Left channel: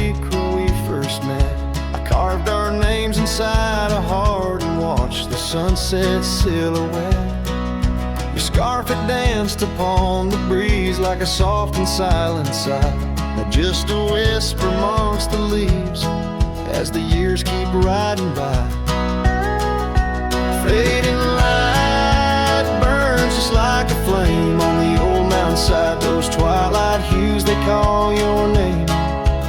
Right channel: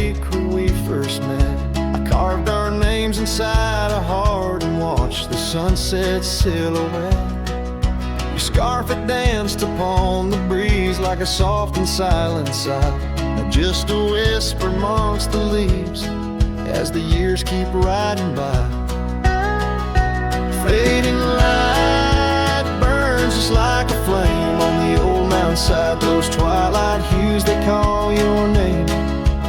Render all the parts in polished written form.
creek where we first met. I carved our names inside a heart and watched the sunset silhouette. Your scarf it danced upon the breeze like a soft and silent sigh. Now just a whisper amongst the leaves as the years keep riding by. Fading light burns just like a flame on the old mountainside. Those twilight hues, they call your name.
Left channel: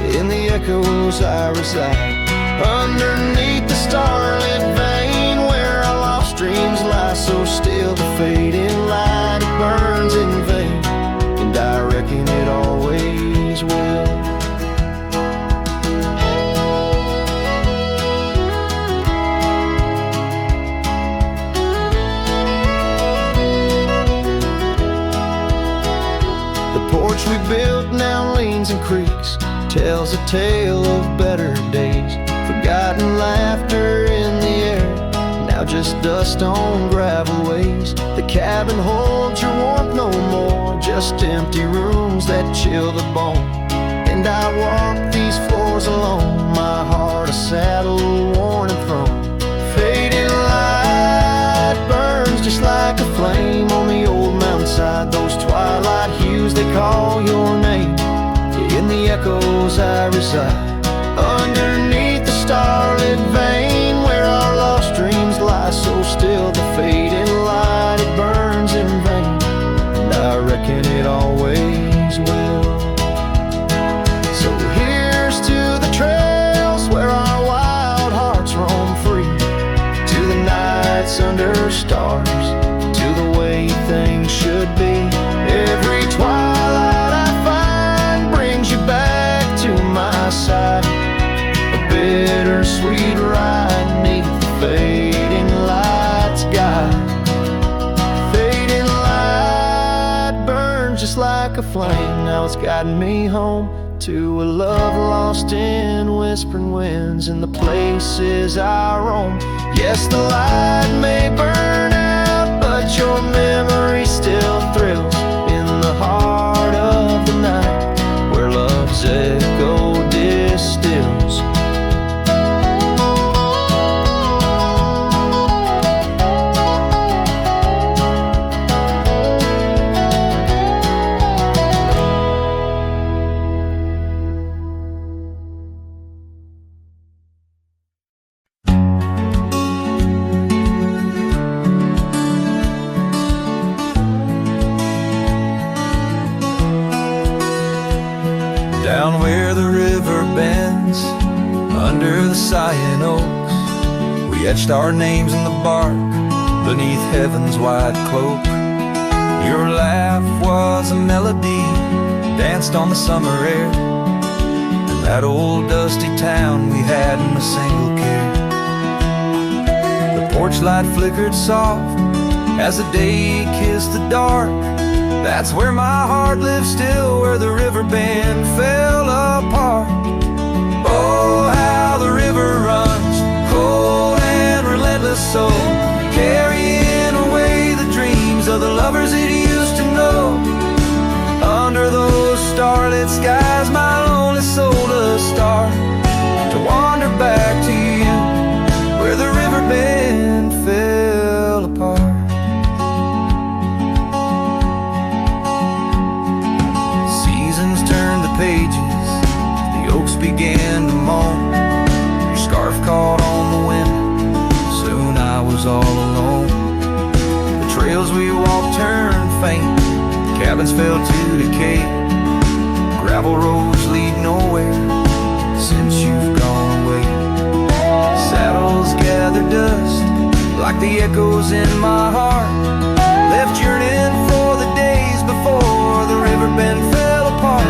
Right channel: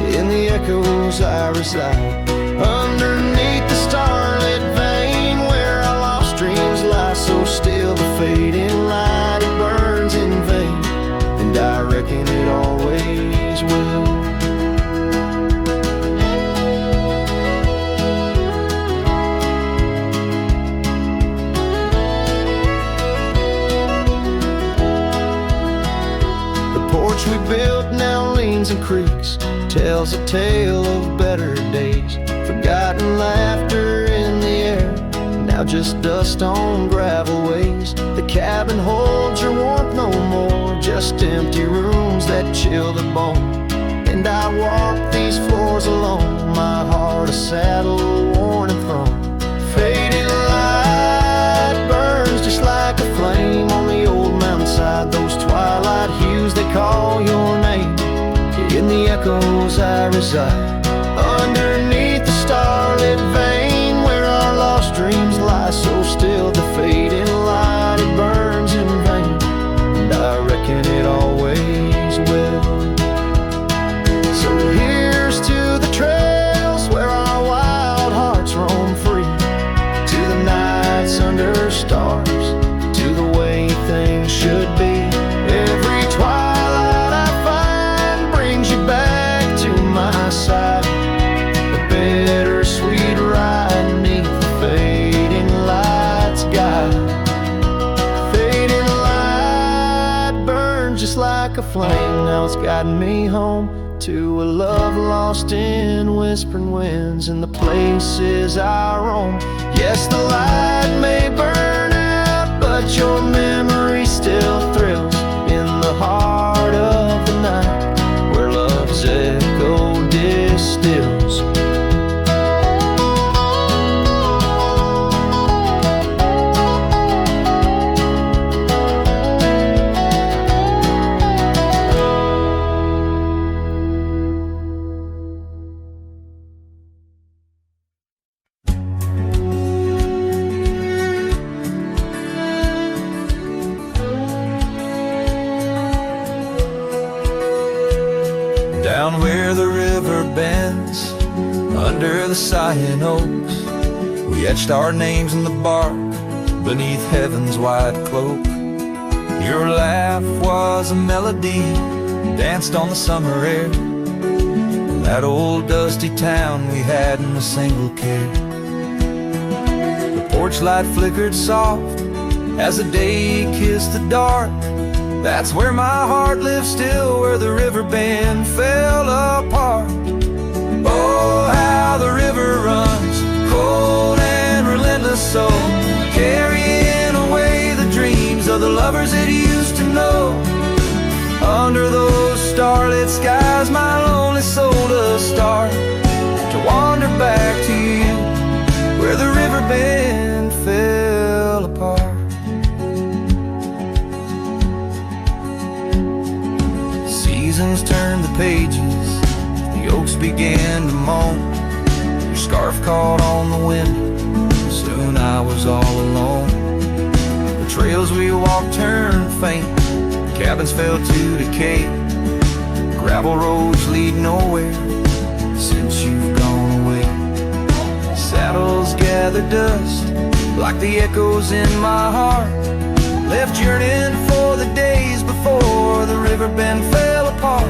In the echoes I reside, underneath the starlit vein where our lost dreams lie so still. The fading light, it burns in vain, and I reckon it always will. The porch we built now leans and creaks, tells a tale of better days. Forgotten laughter in the air, now just dust on gravel ways. The cabin holds your warmth no more, just empty rooms that chill the bone. And I walk these floors alone, my heart a saddle worn and thrown. Fading light burns just like a flame on the old mountainside. Those twilight hues, they call your name. In the echoes I reside, underneath the starlit vein where our lost dreams lie so still. The fading light, it burns in vain, and I reckon it always will. So here's to the trails where our wild hearts roam free, to the nights under stars, to the way things should be. Every twilight I find brings you back to my side, a bittersweet ride neath the fading light's guide. Fading light burns just like a flame, now it's guiding me home to a love lost in whispering winds in the places I roam. Yes, the light may burn out, but your memory still thrills in the heart of the night where love's echo distills. Down where the river bends, under the sighing oaks, we etched our names in the bark beneath heaven's wide cloak. Your laugh was a melody, danced on the summer air, in that old dusty town we hadn't a single care. The porch light flickered soft as the day kissed the dark. That's where my heart lives still, where the Riverbend fell apart. Oh, how the river runs, cold and relentless, so carrying away the dreams of the lovers it used to know. Under those starlit skies, my lonely soul does start to wander back to you, where the Riverbend fell apart. Seasons turned the pages, the oaks began to moan. Your scarf caught on the wind, soon I was all alone. The trails we walked turned faint, cabins fell to decay. Gravel roads lead nowhere since you've gone away. Saddles gather dust like the echoes in my heart, left yearning for the days before the Riverbend fell apart.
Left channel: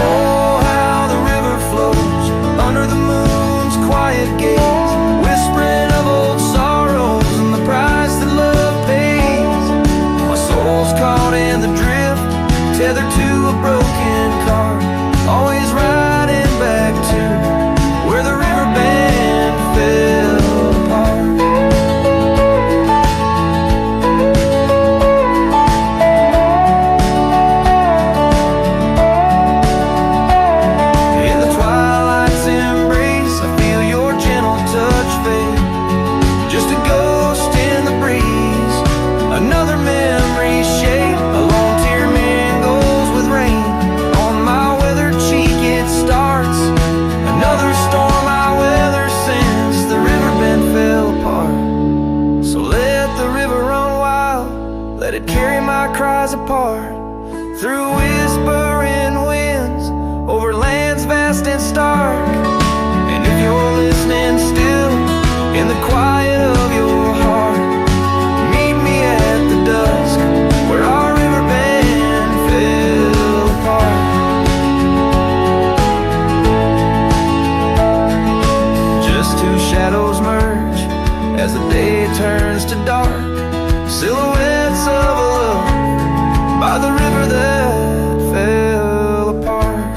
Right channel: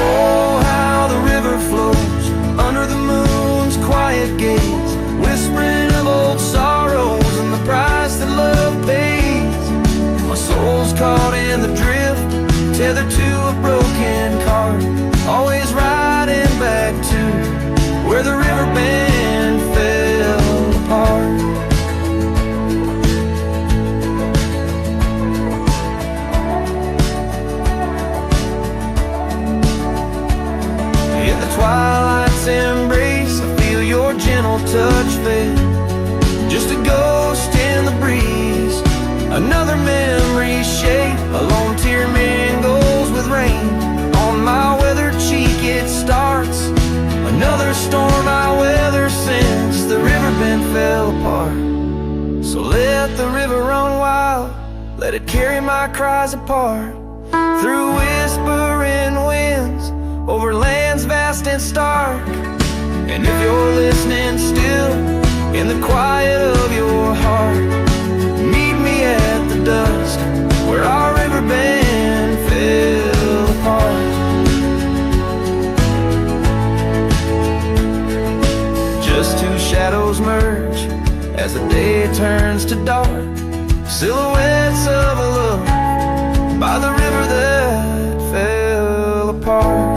Oh, how the river flows under the moon's quiet gaze, whispering of old sorrows and the price that love pays. My soul's caught in the drift, tethered to a broken cart, always riding back to where the Riverbend fell apart. In the twilight's embrace, I feel your gentle touch fade. Just a ghost in the breeze, another memory shade. A lone tear mingles with rain. On my weathered cheek it starts another storm I weather since the Riverbend fell apart. So let the river run wild, let it carry my cries apart. Through whispering winds, over lands vast and stark. And if you're listening still, in the quiet of your heart, meet me at the dusk, where our riverbend fell apart. Just two shadows merge as the day turns to dark, silhouettes of a love by the river that fell apart.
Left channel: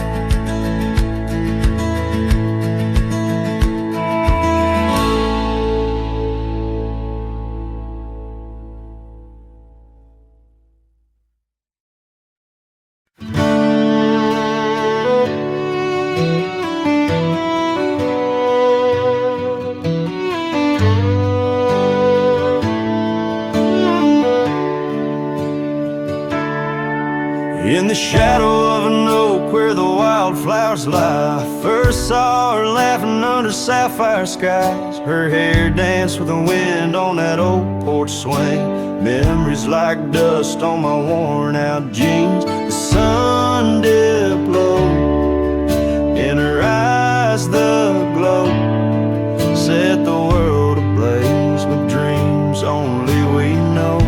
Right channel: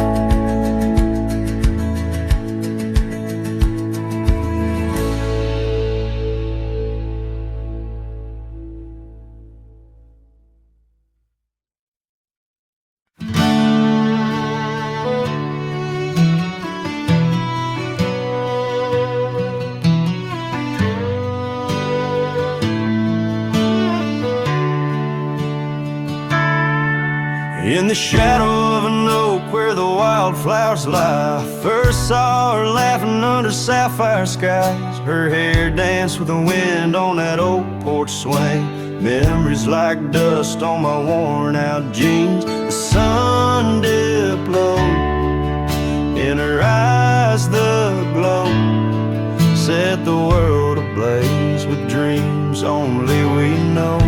In the shadow of an oak where the wildflowers lie, I first saw her laughing under sapphire skies. Her hair danced with the wind on that oak porch swing. Memories like dust on my worn out jeans. The sun dipped low, in her eyes the glow set the world ablaze with dreams only we know.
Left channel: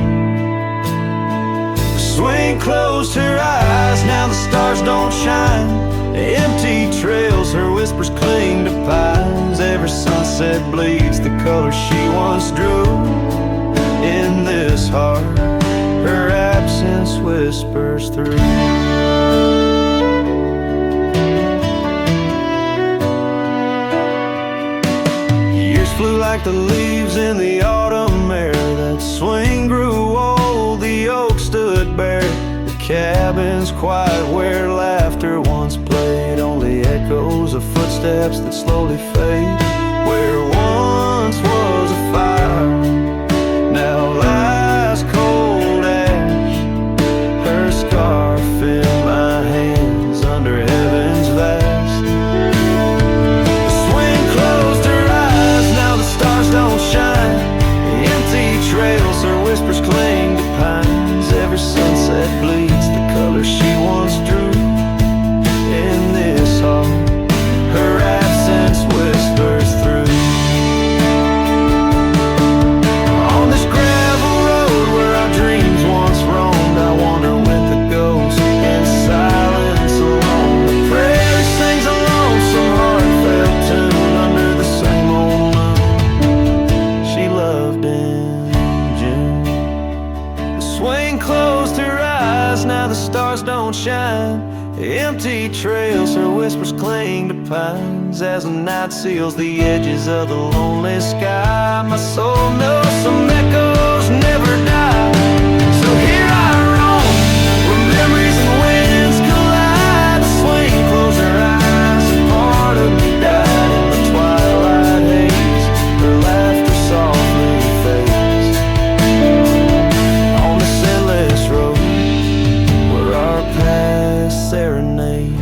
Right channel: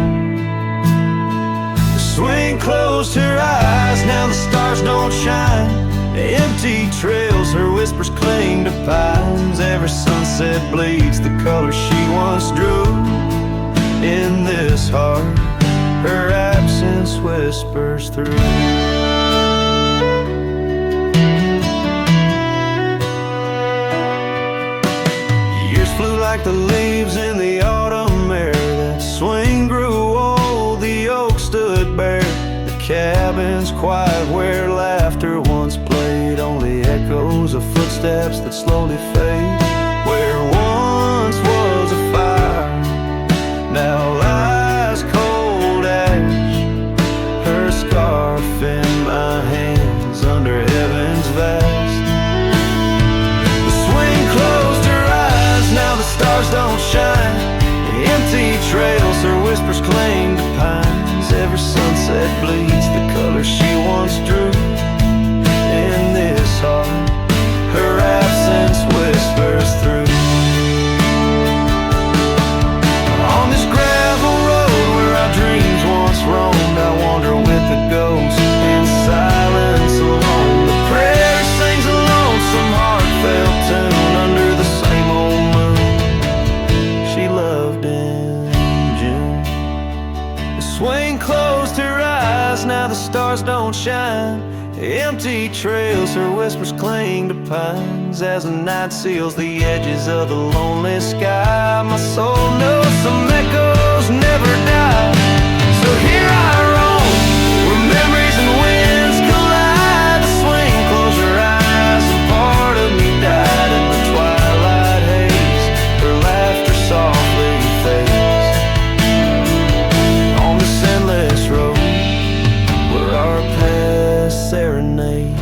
Swing closed her eyes, now the stars don't shine. Empty trails, her whispers cling to pines. Every sunset bleeds the color she once drew. In this heart, her absence whispers through. Years flew like the leaves in the autumn air. That swing grew old, the oak stood bare. The cabin's quiet where laughter once played. Only echoes of footsteps that slowly fade. Where once was a fire, now lies cold ash. Her scarf in my hands under heaven's vast. The swing closed her eyes, now the stars don't shine. Empty trails, her whispers cling to pines. Every sunset bleeds the color she once drew. In this heart, her absence whispers through. On this gravel road where our dreams once roamed, I wander with the ghost in silence alone. The prairie sings a lonesome heartfelt tune under the same old moon she loved in June. The swing closed her eyes, now the stars don't shine. Empty trails, her whispers cling to pines. As the night seals the edges of the lonely sky, my soul knows some echoes never die. So here I roam, where memories and winds collide. The swing closed her eyes and part of me died in the twilight haze. Her laughter softly fades on this endless road where our past serenades.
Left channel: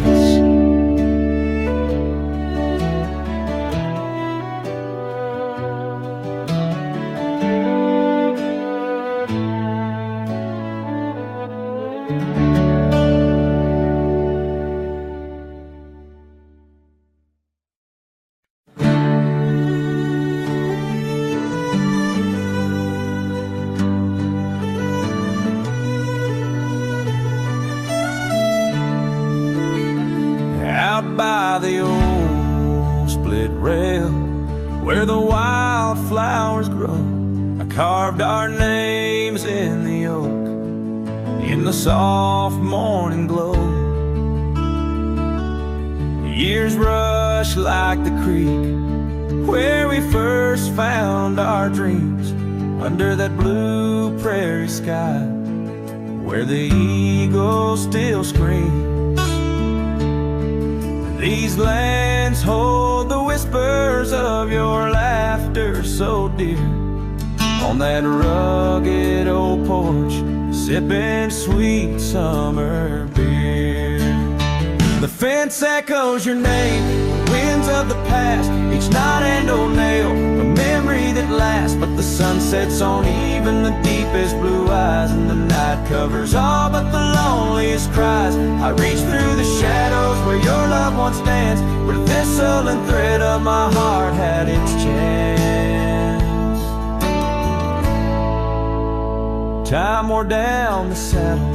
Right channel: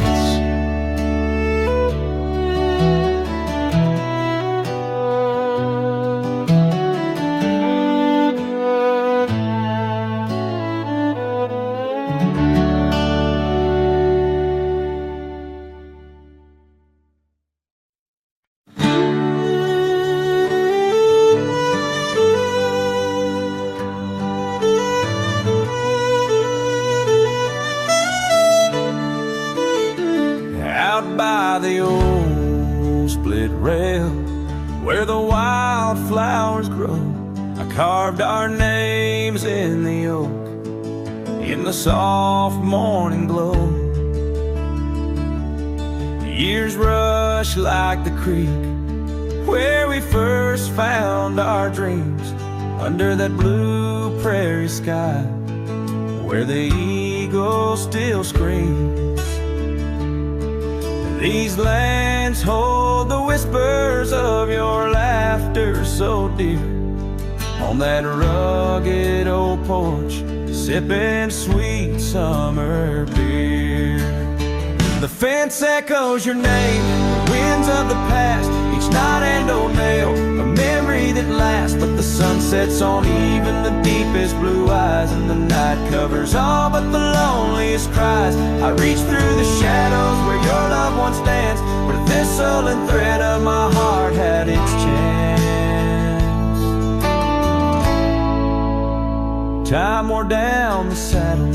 Out by the old split rail where the wildflowers grow, I carved our names in the oak in the soft morning glow. The years rush like the creek where we first found our dreams, under that blue prairie sky where the eagle still screams. These lands hold the whispers of your laughter so dear. On that rugged old porch, sipping sweet summer beer. The fence echoes your name, the winds of the past, each knot and old nail, a memory that lasts. But the sun sets on even the deepest blue eyes, and the night covers all but the loneliest cries. I reach through the shadows where your loved one stands, where the thistle and thread of my heart had its chance. Time wore down the saddle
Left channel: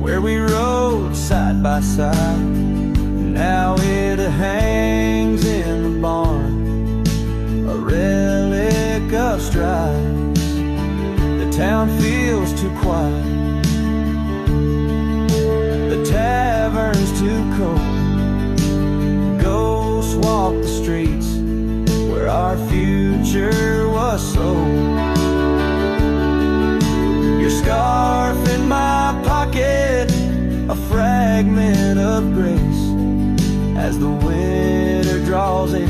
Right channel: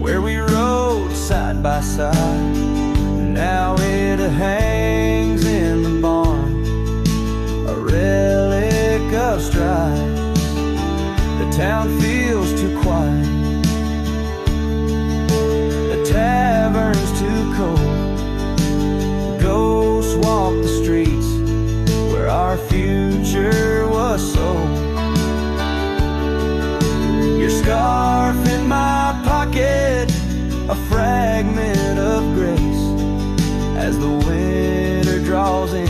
where we rode side by side. Now it hangs in the barn, a relic of strides. The town feels too quiet, the tavern's too cold. Ghosts walk the streets where our future was sold. Your scarf in my pocket, a fragment of grace, as the winter draws in,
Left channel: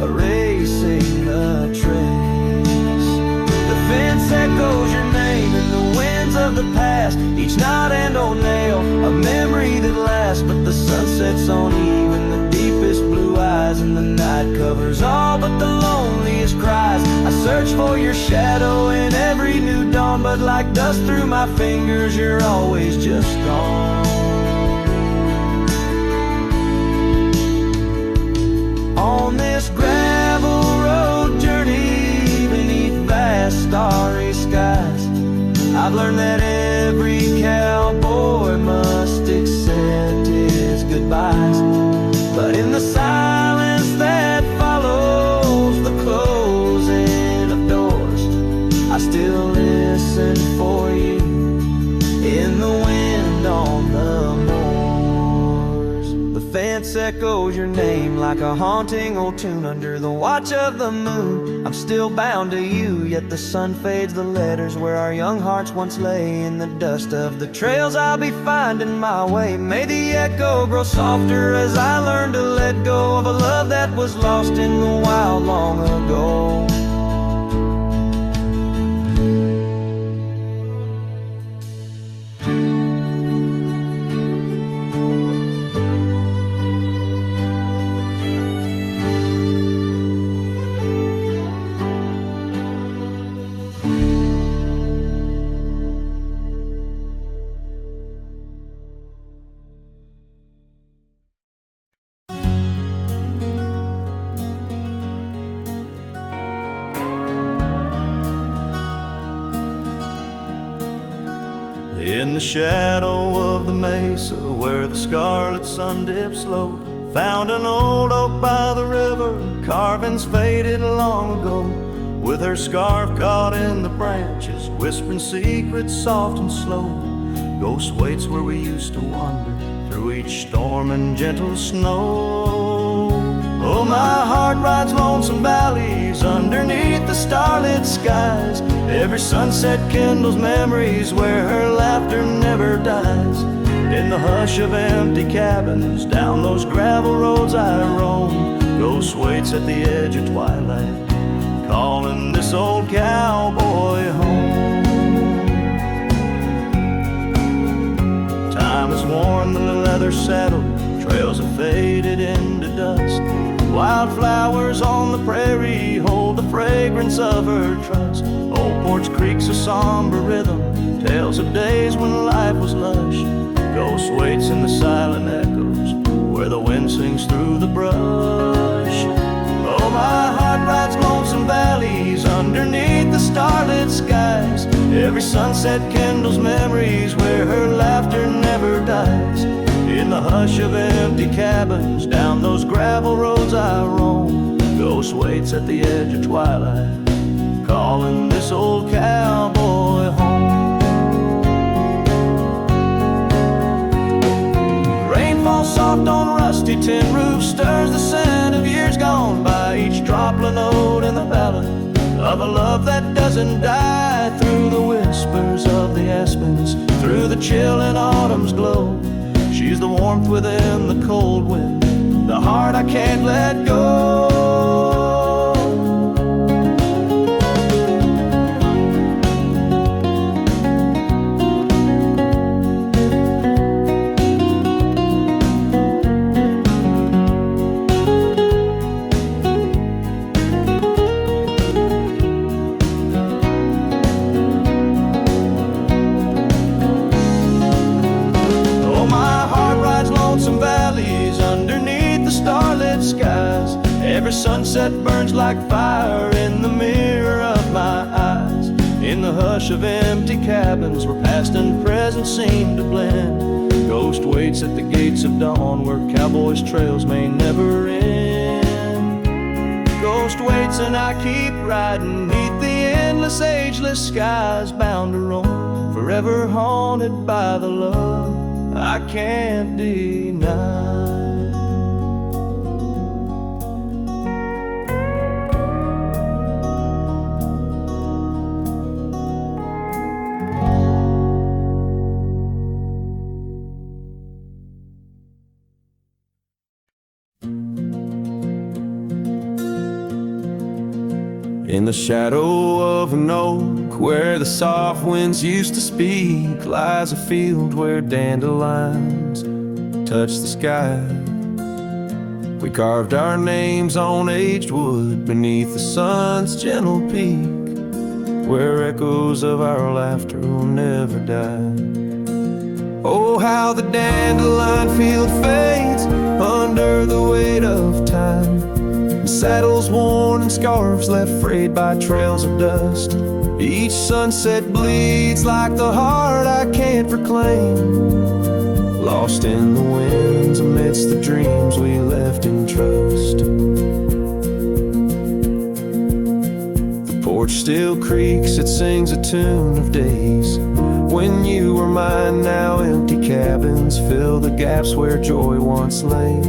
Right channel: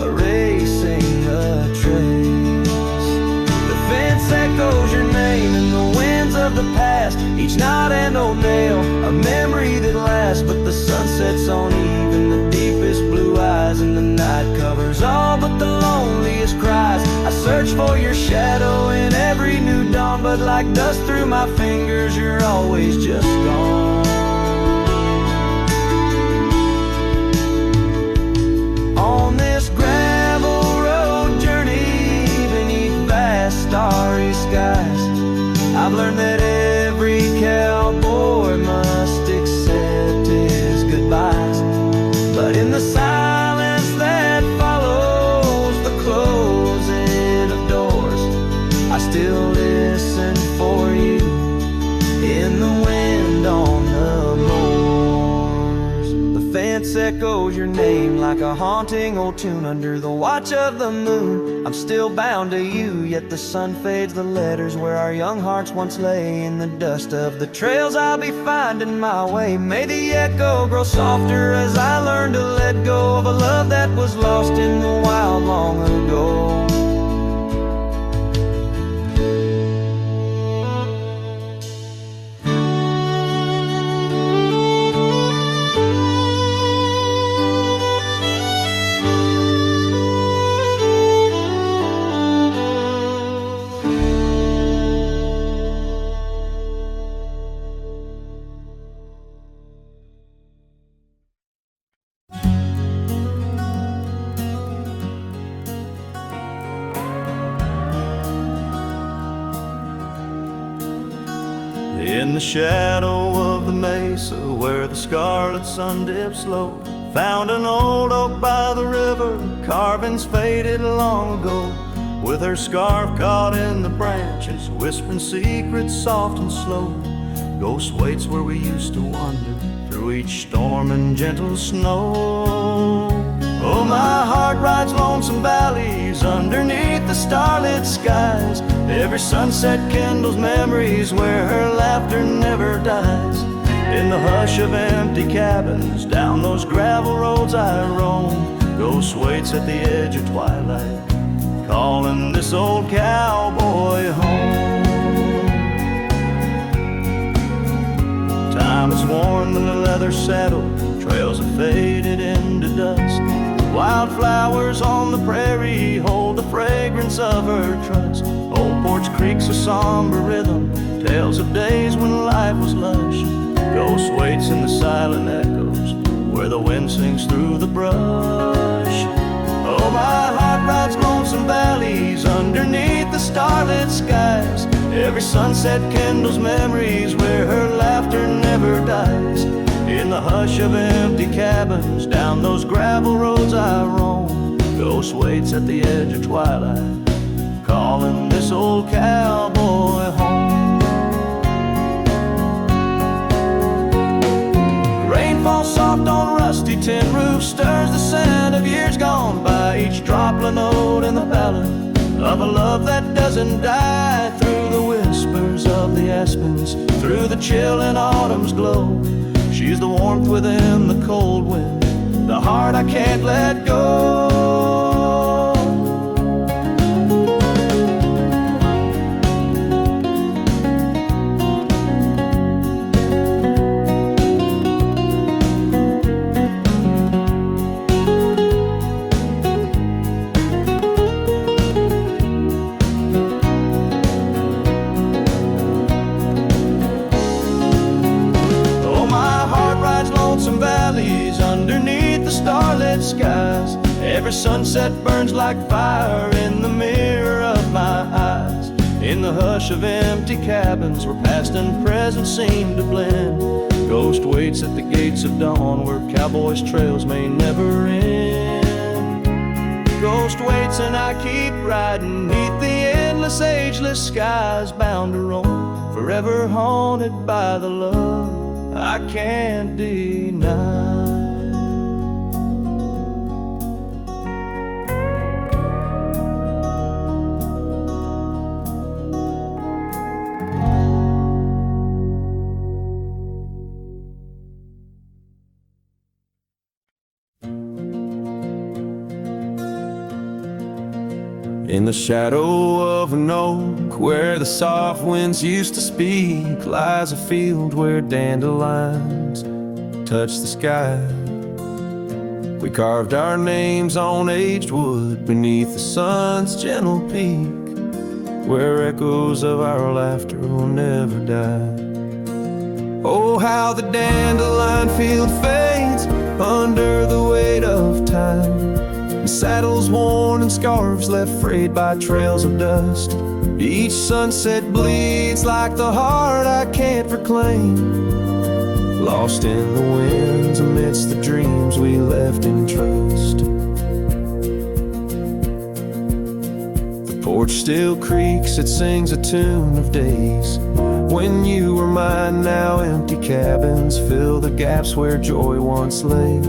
erasing the trace. The fence echoes your name in the winds of the past, each knot and old nail, a memory that lasts. But the sun sets on even the deepest blue eyes, and the night covers all but the loneliest cries. I search for your shadow in every new dawn, but like dust through my fingers, you're always just gone. On this gravel road journey beneath vast starry skies, I've learned that every cowboy must accept his goodbyes. But in the silence that follows the closing of doors, I still listen for you in the wind on the moors. The fence echoes your name like a haunting old tune under the watch of the moon. I'm still bound to you, yet the sun fades the letters where our young hearts once lay. In the dust of the trails I'll be finding my way. May the echo grow softer as I learn to let go of a love that was lost in the wild long ago. In the shadow of the mesa where the scarlet sun dips low, found an old oak by the river, carvings faded long ago. With her scarf caught in the branches, whispering secrets soft and slow. Ghost waits where we used to wander through each storm and gentle snow. Oh, my heart rides lonesome valleys underneath the starlit skies. Every sunset kindles memories where her laughter never dies. In the hush of empty cabins, down those gravel roads I roam, ghost waits at the edge of twilight, calling this old cowboy home. Time has worn the leather saddle, trails have faded into dust. Wildflowers on the prairie hold the fragrance of her trust. Old Porch Creek's a somber rhythm, tales of days when life was lush. Ghost waits in the silent echoes where the wind sings through the brush. Oh, my heart rides lonesome valleys underneath the starlit skies. Every sunset kindles memories where her laughter never dies. In the hush of empty cabins, down those gravel roads I roam, ghost waits at the edge of twilight, calling this old cowboy home. Rain falls soft on rusty tin roofs, stirs the scent of years gone by. Each droplet note in the ballad of a love that doesn't die. Through the whispers of the aspens, through the chill in autumn's glow, She's the warmth within the cold wind, the heart I can't let go. Lonesome valleys underneath the starlit skies. Every sunset burns like fire in the mirror of my eyes. In the hush of empty cabins where past and present seem to blend, ghost waits at the gates of dawn where cowboys' trails may never end. Ghost waits and I keep riding neath the endless ageless skies, bound to roam, forever haunted by the love I can't deny. In the shadow of an oak where the soft winds used to speak lies a field where dandelions touch the sky. We carved our names on aged wood beneath the sun's gentle peak, where echoes of our laughter will never die. Oh, how the dandelion field fades under the weight of time, saddles worn and scarves left frayed by trails of dust. Each sunset bleeds like the heart I can't reclaim, lost in the winds amidst the dreams we left in trust. The porch still creaks, it sings a tune of days when you were mine. Now empty cabins fill the gaps where joy once lay.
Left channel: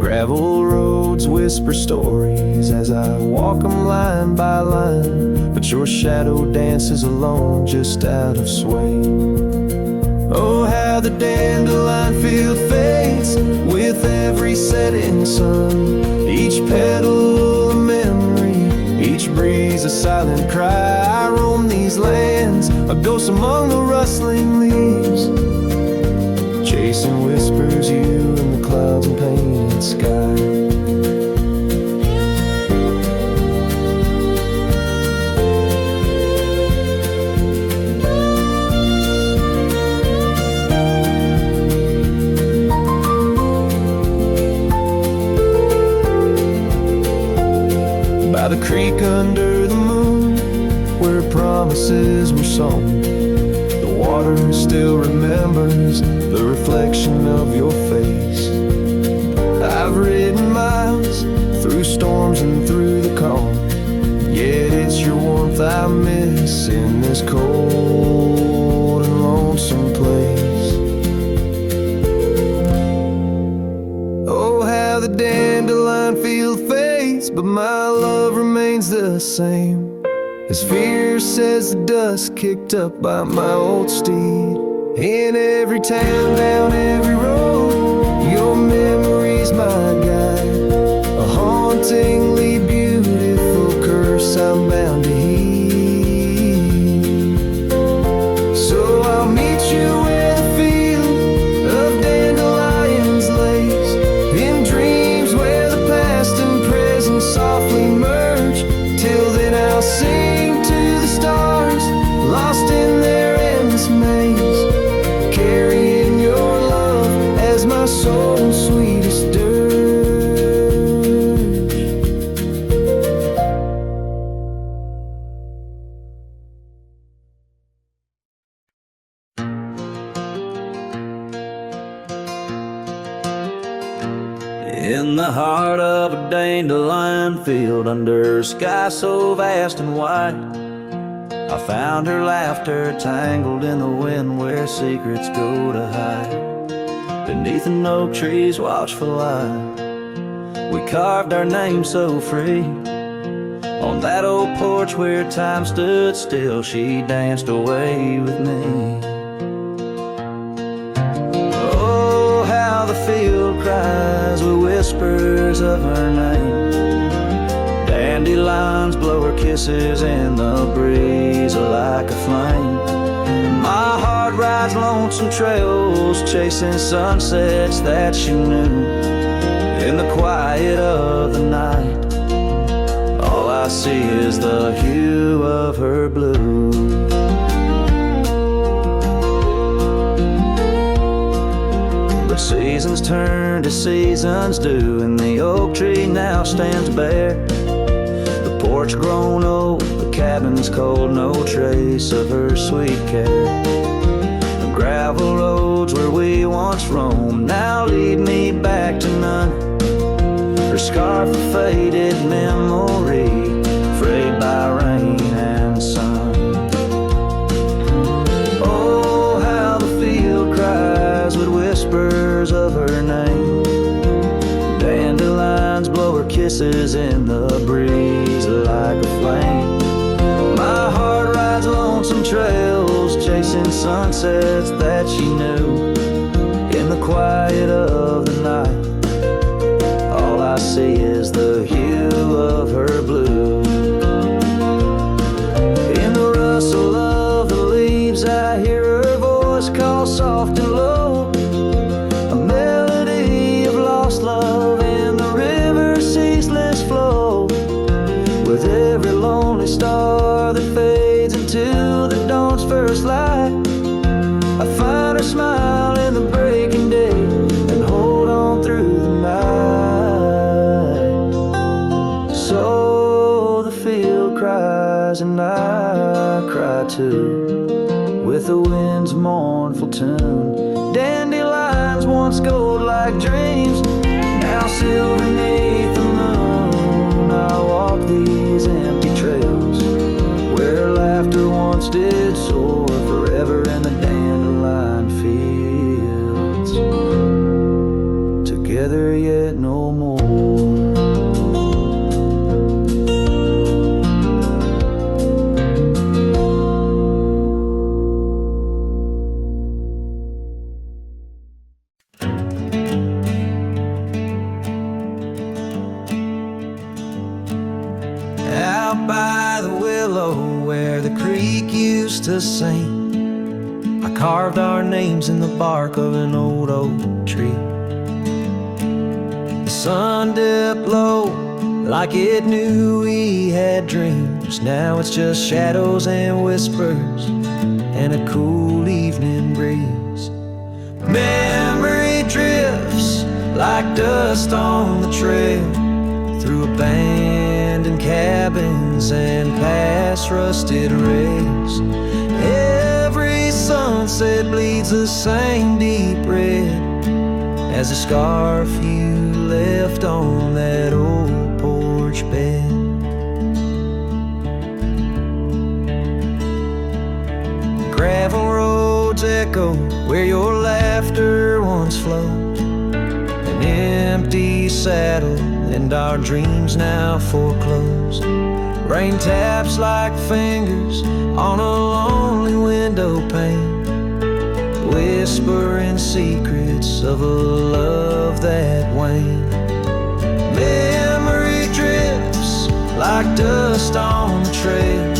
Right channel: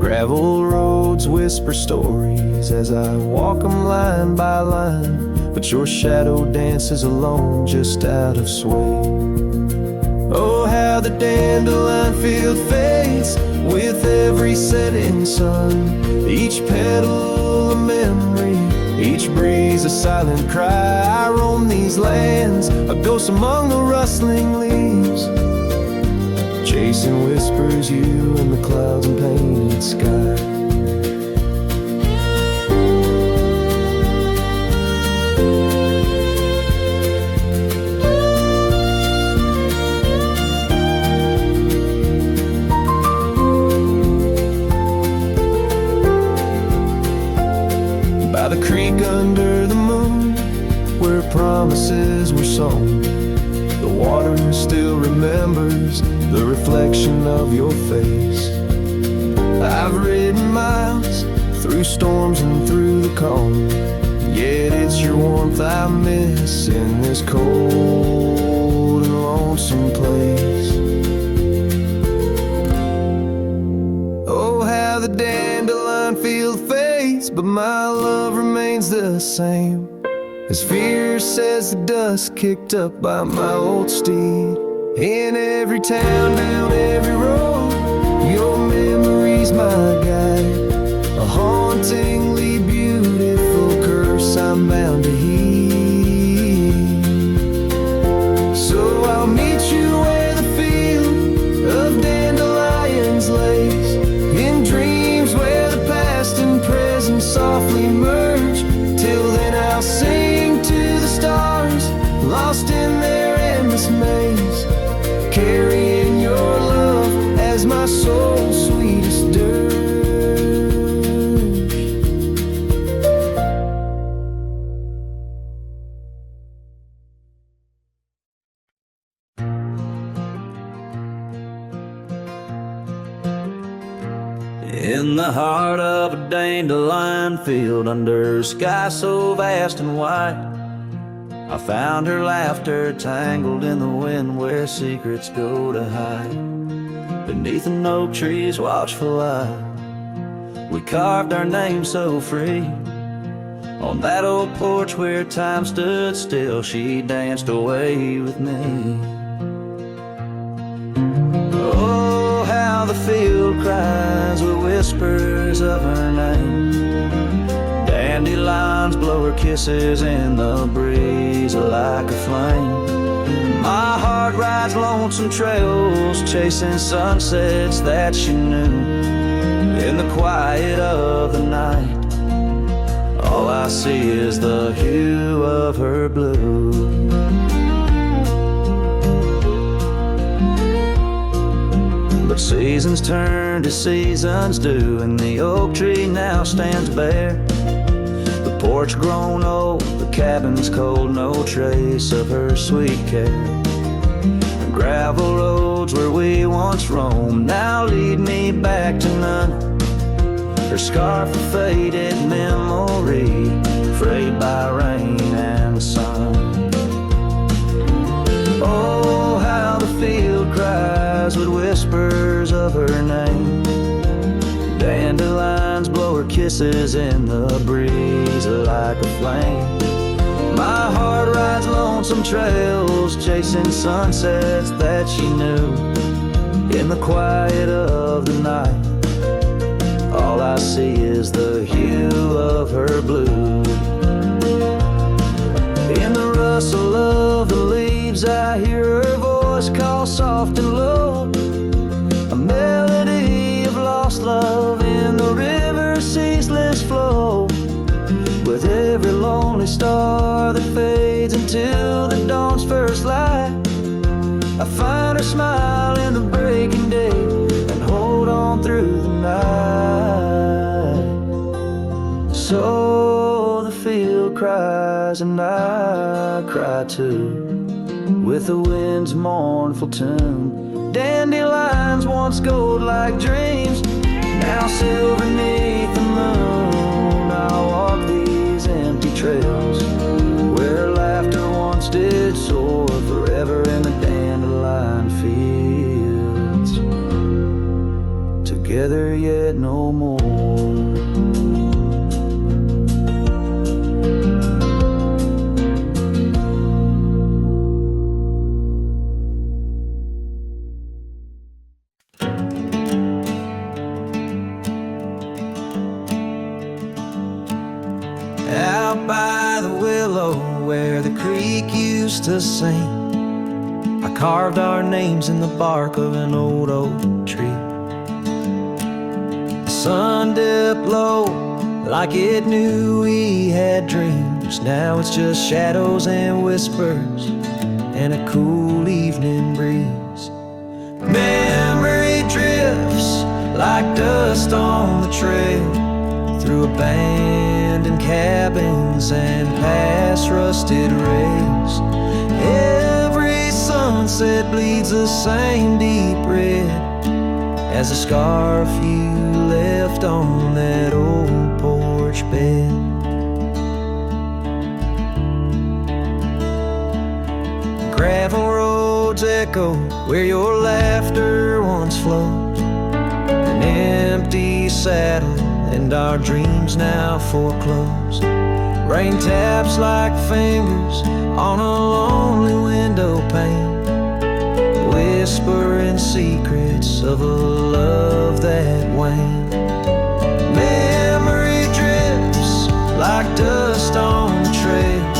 Gravel roads whisper stories as I walk them line by line, but your shadow dances alone just out of sway. Oh, how the dandelion field fades with every setting sun, each petal a memory, each breeze a silent cry. I roam these lands, a ghost among the rustling leaves, chasing whispers, you in the clouds and painted sky. By the creek under the moon, where promises were sown, the water still remembers the reflection of your face. I've ridden miles through storms and through the calm, yet it's your warmth I miss in this cold and lonesome place. Oh, how the dandelion field fades, but my love remains the same, as fierce as the dust kicked up by my old steed. In every town, down every road, your memory's my guide, a hauntingly beautiful curse I'm bound to heed. So I'll meet you where the field of dandelions lays, in dreams where the past and present softly merge. Till then I'll sing to the stars, lost in their endless maze, carrying your love as my soul's sweetest dirge. In the heart of a dandelion field, under a sky so vast and white, I found her laughter tangled in the wind where secrets go to hide. Beneath an oak tree's watchful eye, we carved our names so free. On that old porch where time stood still, she danced away with me. cries with whispers of her name. Dandelions blow her kisses in the breeze like a flame. My heart rides lonesome trails, chasing sunsets that she knew. In the quiet of the night, all I see is the hue of her blue. But seasons turn to seasons do, and the oak tree now stands bare. The porch grown old, the cabin's cold, no trace of her sweet care. The gravel roads where we once roamed now lead me back to none. Her scarf a faded memory, frayed by rain and sun. Oh, how the field cries with whispers of her name. Dandelions blow her kisses in the breeze like a flame. My heart rides lonesome trails, chasing sunsets that she knew. In the quiet of the night, all I see is the hue of her blue. In the rustle of the leaves, I hear her voice call soft and low. A melody of lost love in the river's ceaseless flow. With every lonely star that fades into the dawn's first light, I find her smile in the breaking day and hold on through the night. So the field cries and I cry too, with the wind's mournful tune. Dandelions once gold like dreams, now silver beneath the moon. I walk these empty trails where laughter once did soar, forever in the dandelion fields, together yet no more. Out by the willow where the creek used to sing, I carved our names in the bark of an old oak tree. The sun dipped low like it knew we had dreams. Now it's just shadows and whispers and a cool evening breeze. Memory drifts like dust on the trail, through abandoned cabins and past rusted rails. Every sunset bleeds the same deep red as the scarf you left on that old porch bed. Gravel roads echo where your laughter once flowed. An empty saddle and our dreams now foreclosed. Rain taps like fingers on a lonely window pane, whispering secrets of a love that waned. Memory drifts like dust on the trail,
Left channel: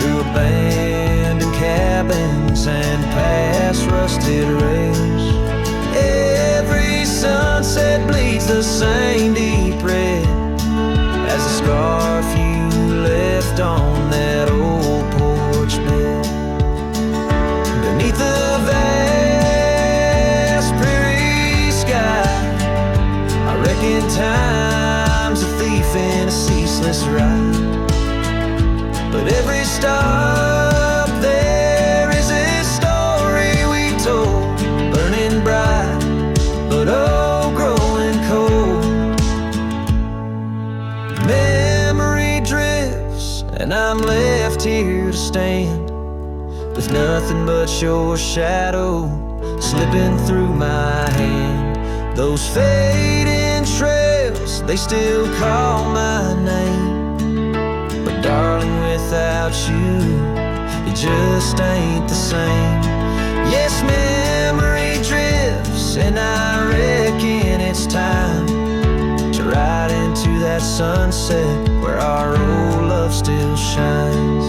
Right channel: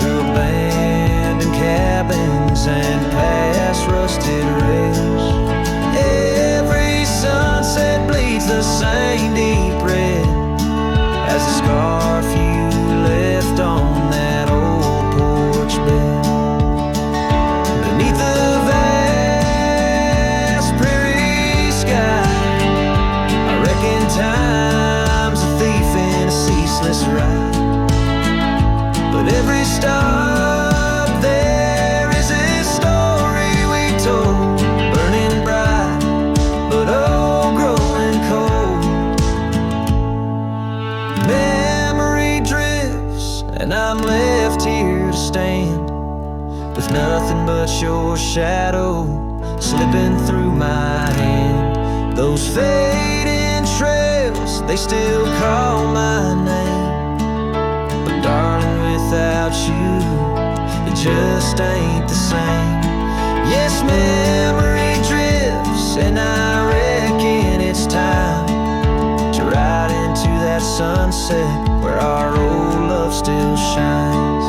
through abandoned cabins and past rusted rails. Every sunset bleeds the same deep red as the scarf you left on that old porch bed. Beneath the vast prairie sky, I reckon time's a thief in a ceaseless ride. But every stop there is a story we told, burning bright, but oh, growing cold. Memory drifts and I'm left here to stand, with nothing but your shadow slipping through my hand. Those fading trails, they still call my name, but darling, without you, it just ain't the same. Yes, memory drifts and I reckon it's it's time to ride into that sunset where our old love still shines.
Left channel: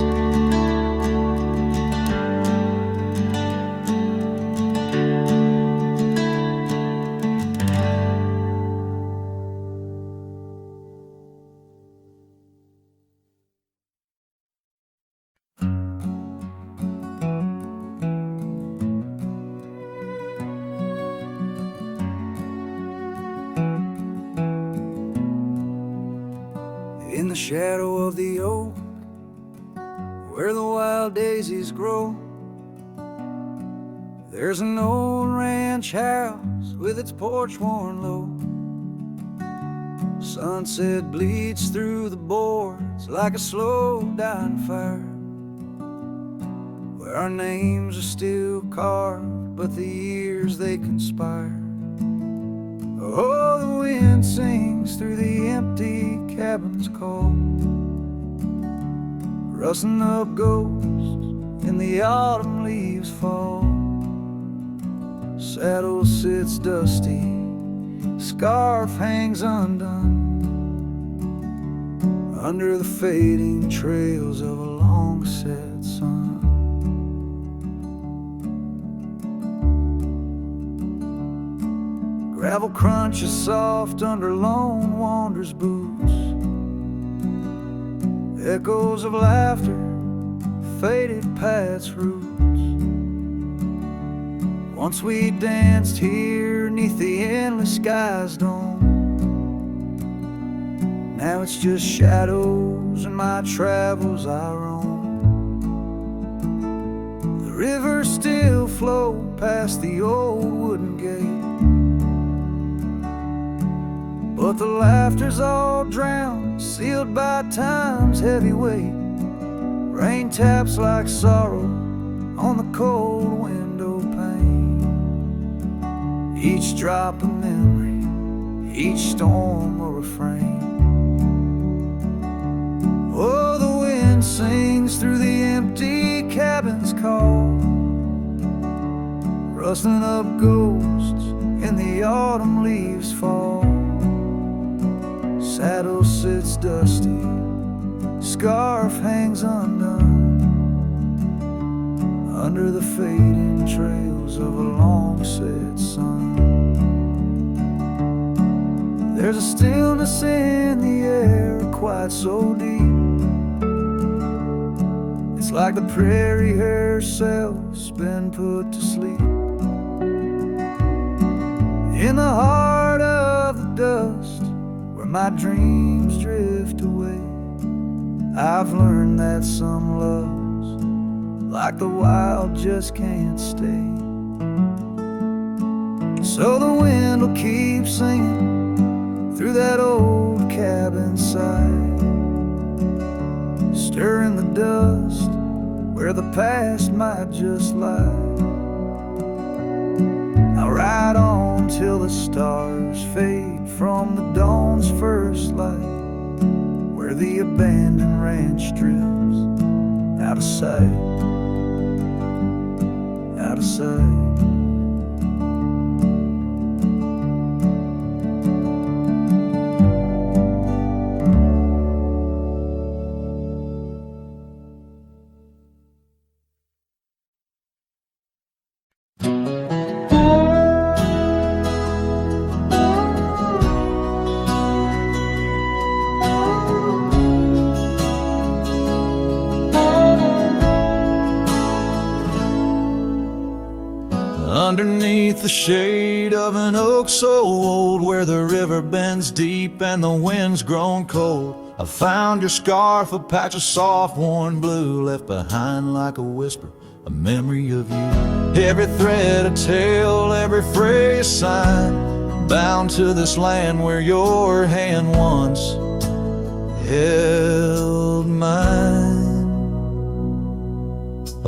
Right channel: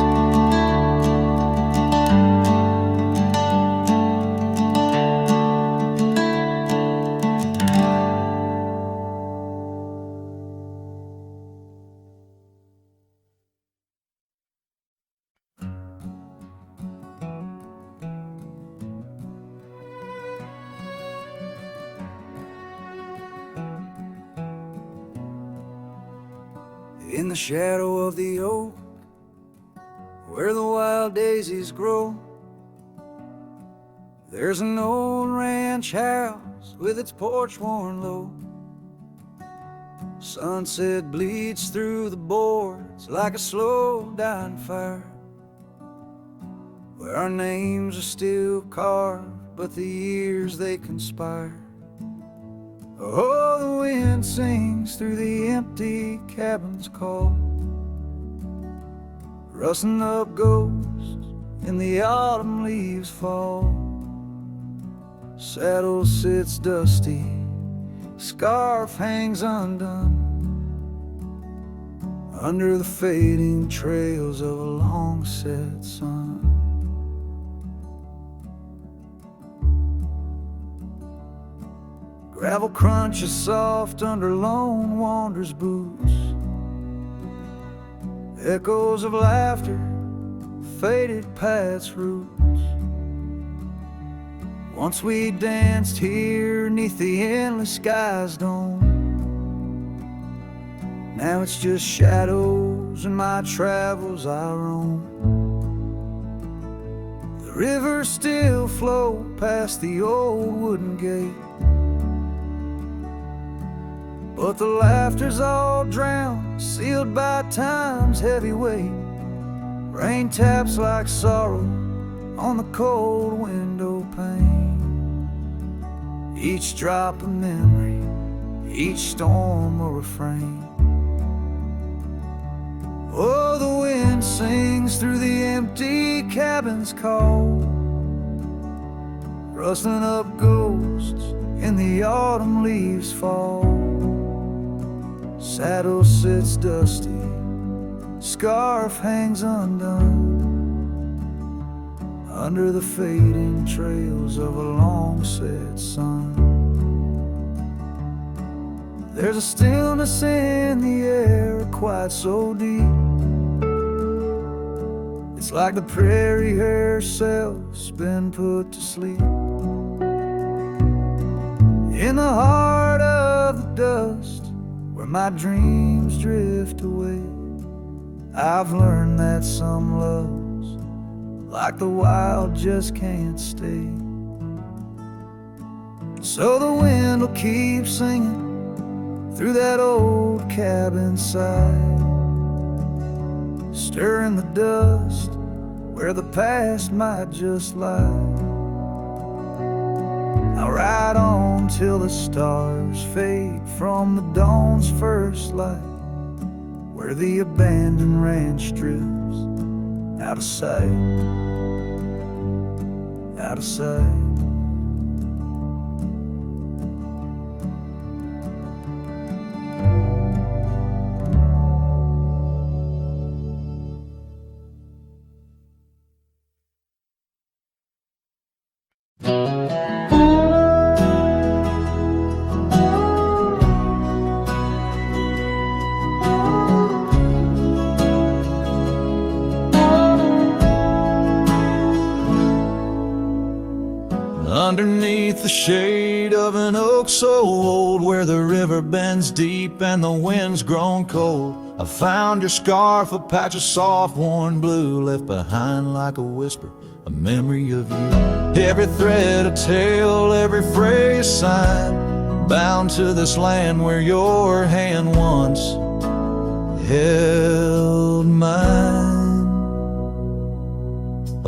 In the shadow of the oak, where the wild daisies grow, there's an old ranch house with its porch worn low. Sunset bleeds through the boards like a slow dying fire, where our names are still carved, but the years they conspire. Oh, the wind sings through the empty cabin's call, rustling up ghosts in the autumn leaves fall. Saddle sits dusty, scarf hangs undone, under the fading trails of a long set sun. Gravel crunches soft under lone wanderer's boots, echoes of laughter faded paths roots. Once we danced here neath the endless sky's dome, now it's just shadows and my travels I roam. The rivers still flow past the old wooden gate, but the laughter's all drowned, sealed by time's heavy weight. Rain taps like sorrow on the cold window pane, each drop a memory, each storm a refrain. Oh, the wind sings through the empty cabin's call, rustling up ghosts in the autumn leaves fall. Saddle sits dusty, scarf hangs undone, under the fading trails of a long set sun. There's a stillness in the air, quite so deep, it's like the prairie herself's been put to sleep. In the heart of the dust, where my dreams drift away, I've learned that some loves, like the wild, just can't stay. So the wind will keep singing through that old cabin side, stirring the dust where the past might just lie. I'll ride on till the stars fade from the dawn's first light, where the abandoned ranch drifts out of sight, out of sight. Underneath the shade of an oak so old, where the river bends deep and the wind's grown cold, I found your scarf, a patch of soft worn blue, left behind like a whisper, a memory of you. Every thread a tale, every phrase sign, bound to this land where your hand once held mine.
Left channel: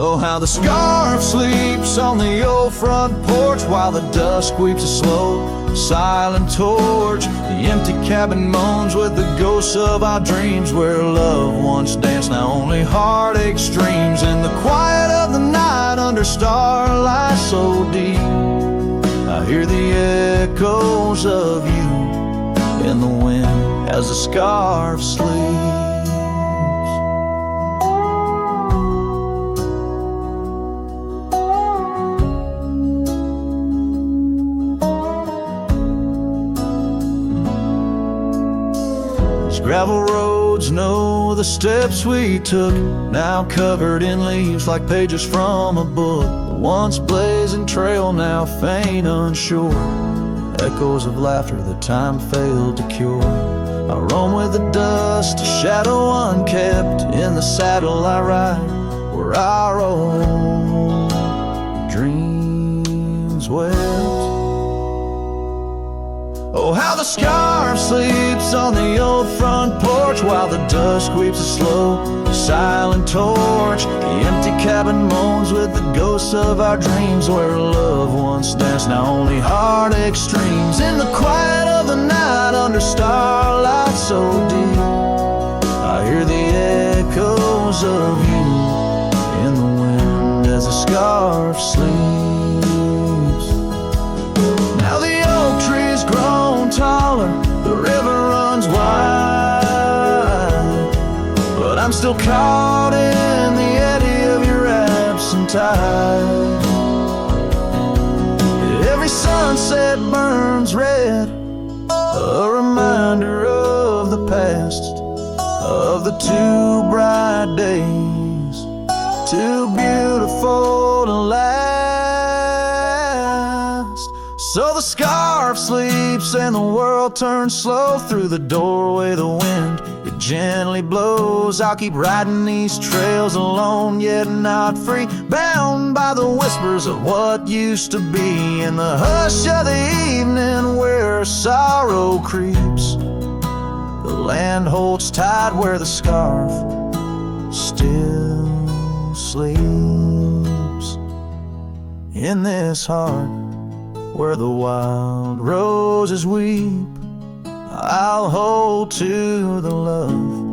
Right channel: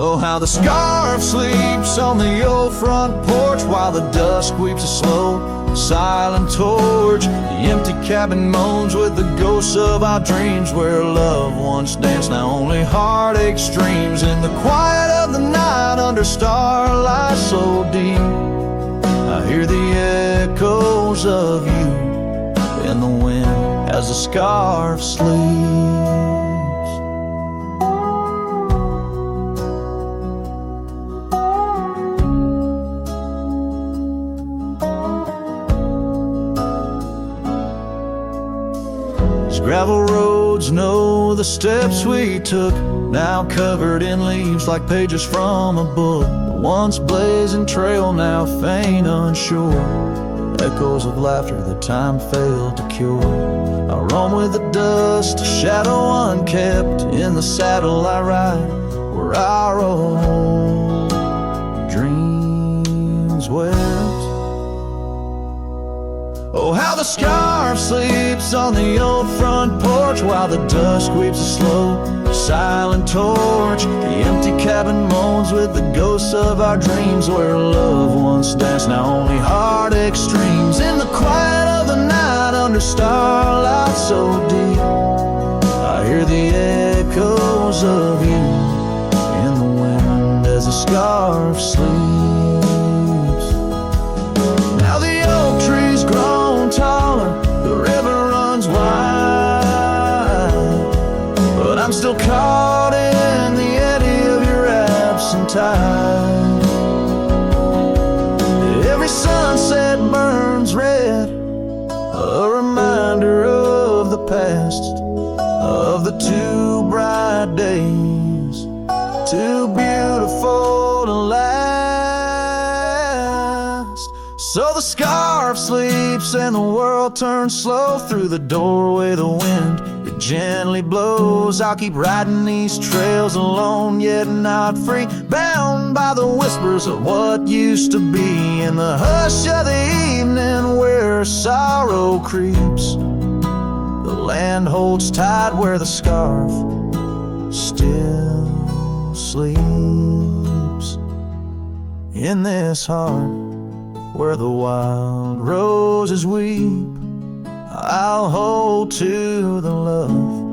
Oh, how the scarf sleeps on the old front porch, while the dusk weeps a slow, silent torch. The empty cabin moans with the ghosts of our dreams, where love once danced, now only heartache streams. In the quiet of the night, under starlight so deep, I hear the echoes of you in the wind as the scarf sleeps. Gravel roads know the steps we took, now covered in leaves like pages from a book. The once blazing trail now faint unsure, echoes of laughter that time failed to cure. I roam with the dust, a shadow unkept. In the saddle I ride where our old dreams wept. Oh, how the scarf sleeps on the old front porch while the dusk weeps a slow, silent torch. The empty cabin moans with the ghosts of our dreams, where love once danced, now only heartache streams. In the quiet of the night, under starlight so deep, I hear the echoes of you in the wind as the scarf sleeps. Now the oak tree's grown taller, the river runs wide, but I'm still caught in the eddy of your absent tide. Every sunset burns red, a reminder of the past, of the two bright days, too beautiful to last. So the scarf sleeps and the world turns slow. Through the doorway the wind, it gently blows. I'll keep riding these trails alone, yet not free, bound by the whispers of what used to be. In the hush of the evening where sorrow creeps, the land holds tight where the scarf still sleeps. In this heart where the wild roses weep, I'll hold to the love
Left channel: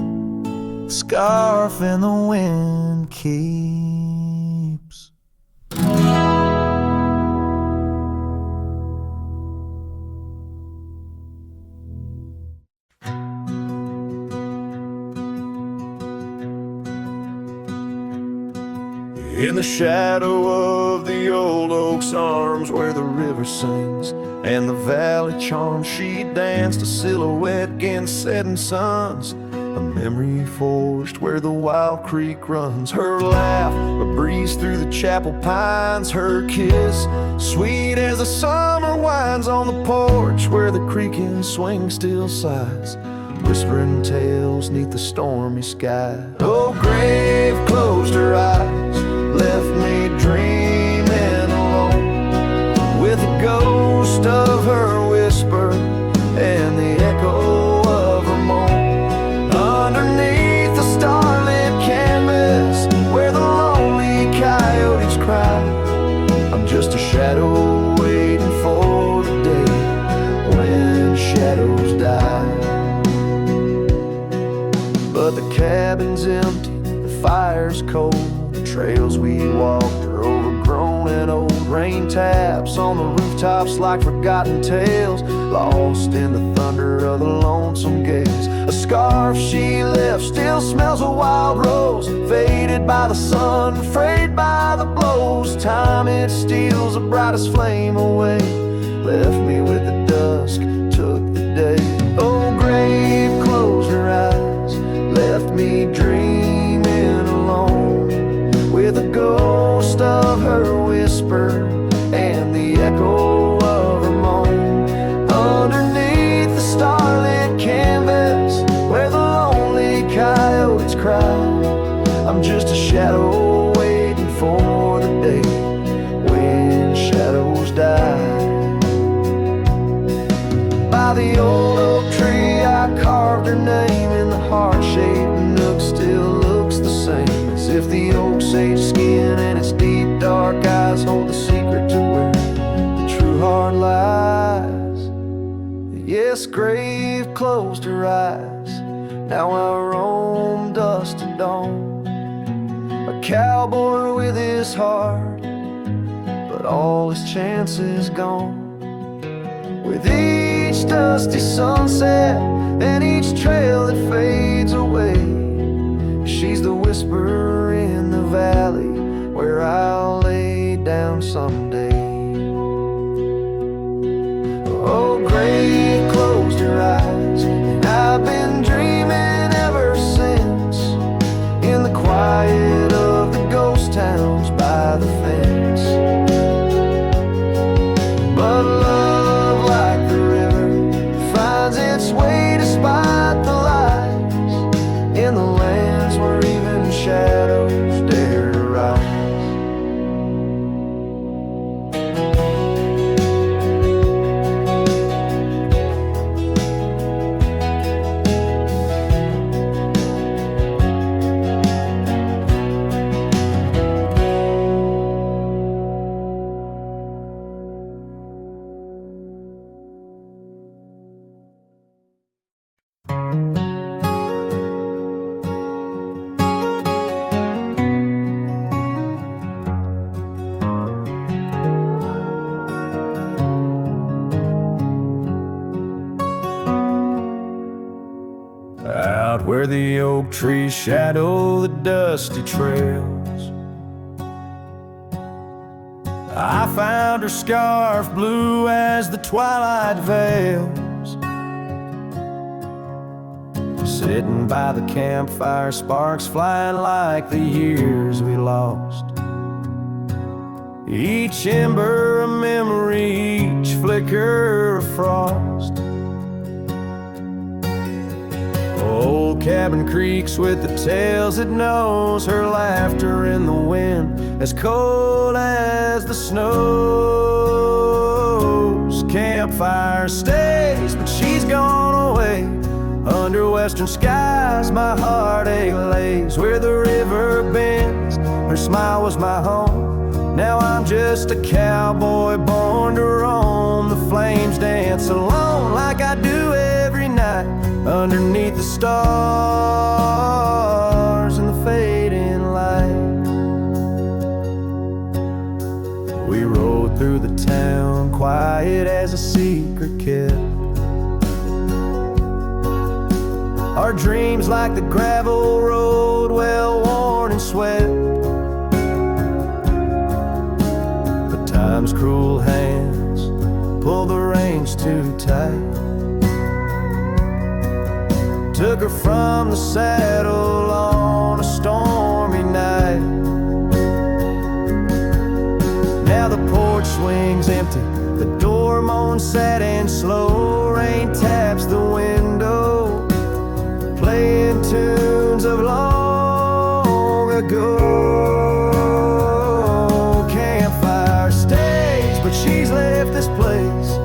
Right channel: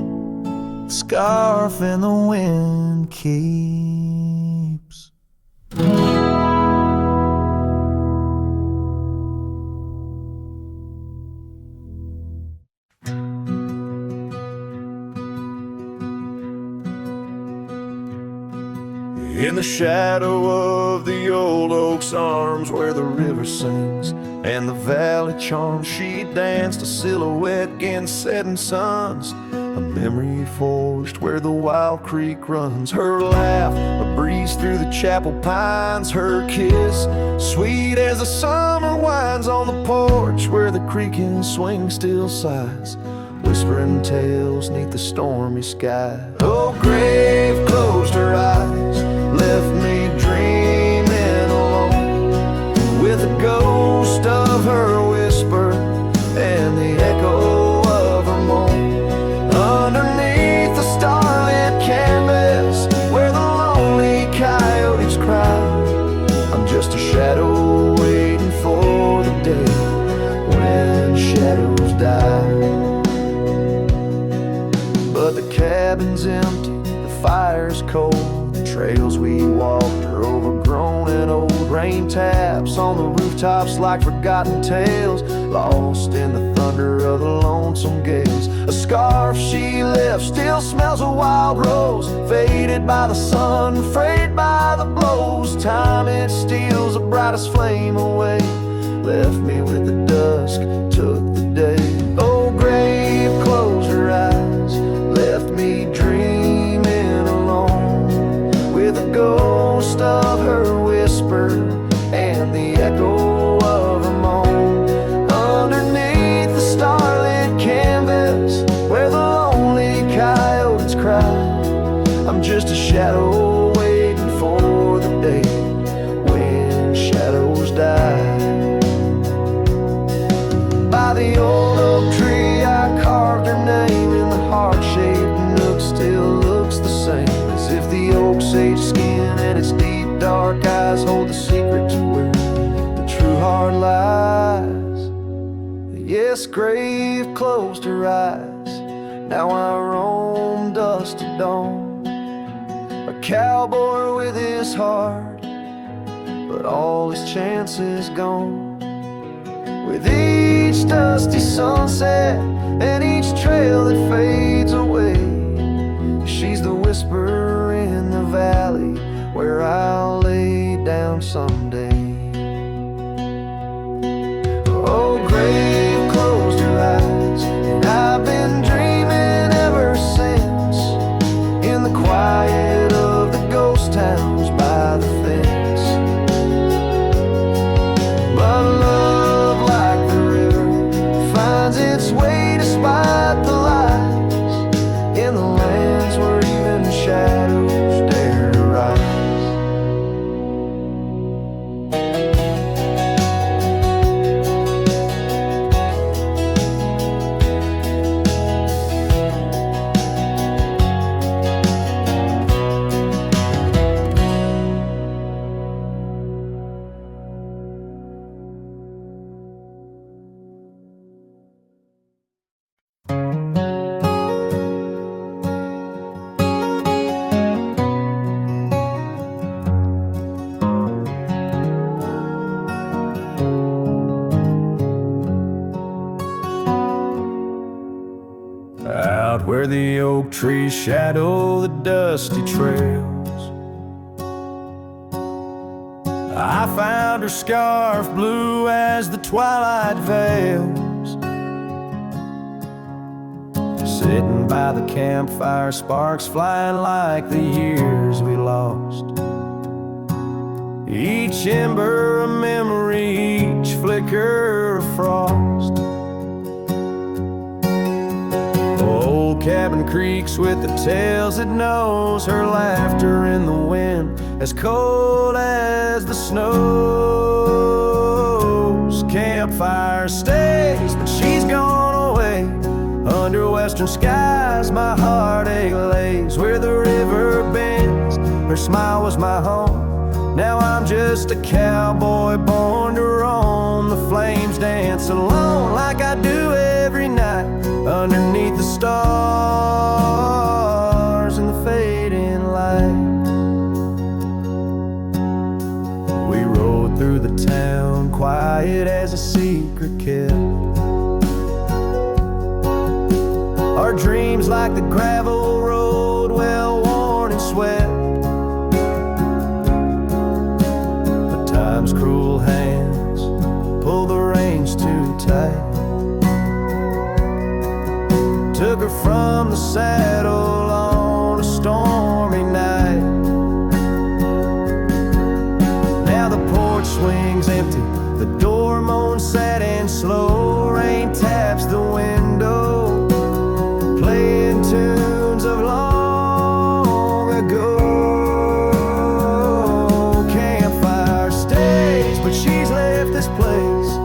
scarf in the wind keeps. In the shadow of the old oak's arms, where the river sings and the valley charms, she danced a silhouette against setting suns, a memory forged where the wild creek runs. Her laugh, a breeze through the chapel pines, her kiss, sweet as the summer winds on the porch where the creaking swing still sighs, whispering tales neath the stormy sky. Oh, grave closed her eyes, left me dreaming alone, with the ghost of her whisper and the echo of her moan. Underneath the starlit canvas where the lonely coyotes cry, I'm just a shadow waiting for the day when shadows die. But the cabin's empty, the fire's cold, the trails we walked are overgrown and old. Rain taps on the rooftops like forgotten tales, lost in the thunder of the lonesome gales. A scarf she left still smells a wild rose, faded by the sun, frayed by the blows. Time it steals the brightest flame away, left me with the dusk, took the day. Oh, grave closed her eyes, left me dreaming alone, with a ghost of her whisper and the echo of her moan. Underneath the starlit canvas where the lonely coyotes cry, I'm just a shadow waiting for the day when shadows die. By the old oak tree I carved her name in the heart-shaped nook, still looks the same, as if the oak's aged skin and its deep dark eyes hold the secret to where the true heart lies. Yes, grave closed her eyes, now I roam dusk to dawn, a cowboy with his heart, but all his chances gone. with each dusty sunset and each trail that fades away. She's the whisper in the valley where I'll lay down someday. Oh, grave closed her eyes, and I've been dreaming ever since, in the quiet of the ghost towns by the fence. But love, like the river, finds its way despite the lies, in the lands where even shadows dare to rise. Out where the oak trees shadow the dusty trails, I found her scarf blue as the twilight veils. Sitting by the campfire, sparks flying like the years we lost. Each ember a memory, each flicker a frost. Old cabin creaks with the tales it knows, her laughter in the wind as cold as the snows. Campfire stays, but she's gone away. Under western skies my heartache lays, where the river bends, her smile was my home. Now I'm just a cowboy born to roam. The flames dance alone like I do every night, underneath the stars and the fading light. We rode through the town, quiet as a secret kept. Our dreams like the gravel road, well worn and swept. But time's cruel hands pulled the reins too tight, took her from the saddle on a stormy night. Now the porch swings empty, the door moans sad and slow. Rain taps the window, playing tunes of long ago. Campfire stays, but she's left this place.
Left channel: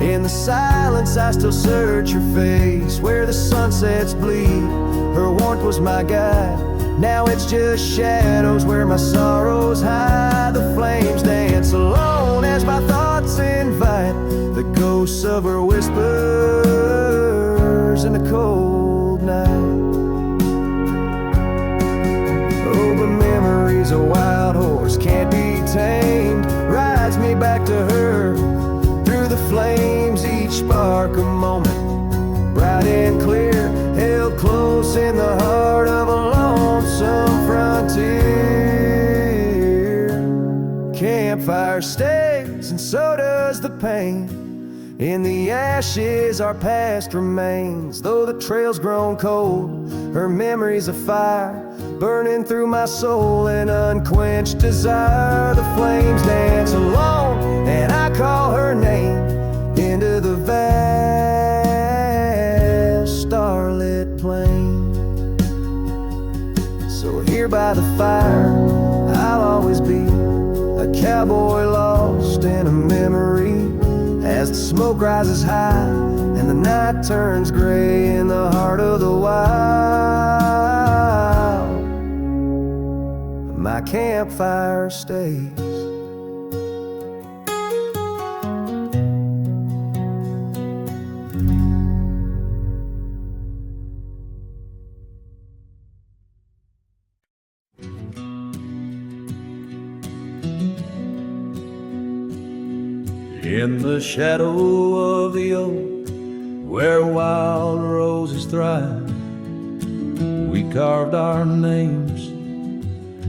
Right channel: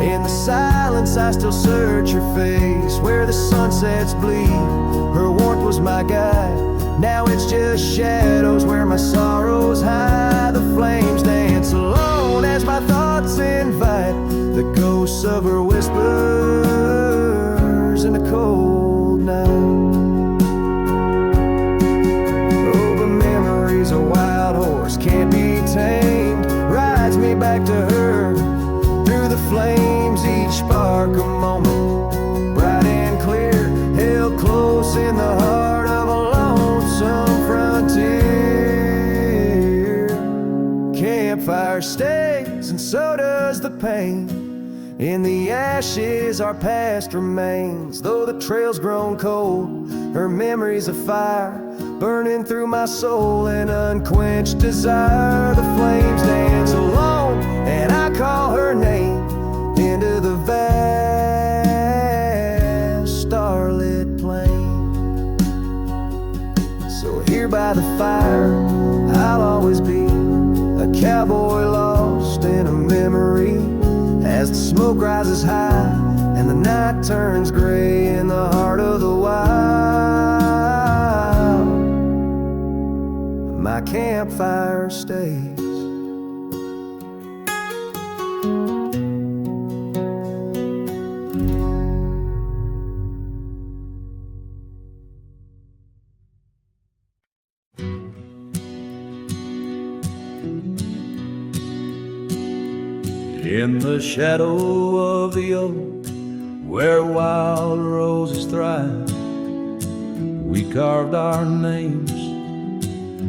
In the silence I still search her face, where the sunsets bleed, her warmth was my guide. Now it's just shadows where my sorrows hide. The flames dance alone as my thoughts invite the ghosts of her whispers in the cold night. Oh, but memory's a wild horse, can't be tamed, rides me back to her through the flames, each spark a moment, bright and clear, held close in the heart of a lonesome frontier. Campfire stays, and so does the pain. In the ashes our past remains, though the trail's grown cold, her memory's a fire, burning through my soul, an unquenched desire. The flames dance alone, and I call her name into the vast starlit plain. So here by the fire I'll always be, a cowboy lost in a memory, as the smoke rises high and the night turns gray in the heart of the wild. My campfire stays. In the shadow of the oak, where wild roses thrive, we carved our names,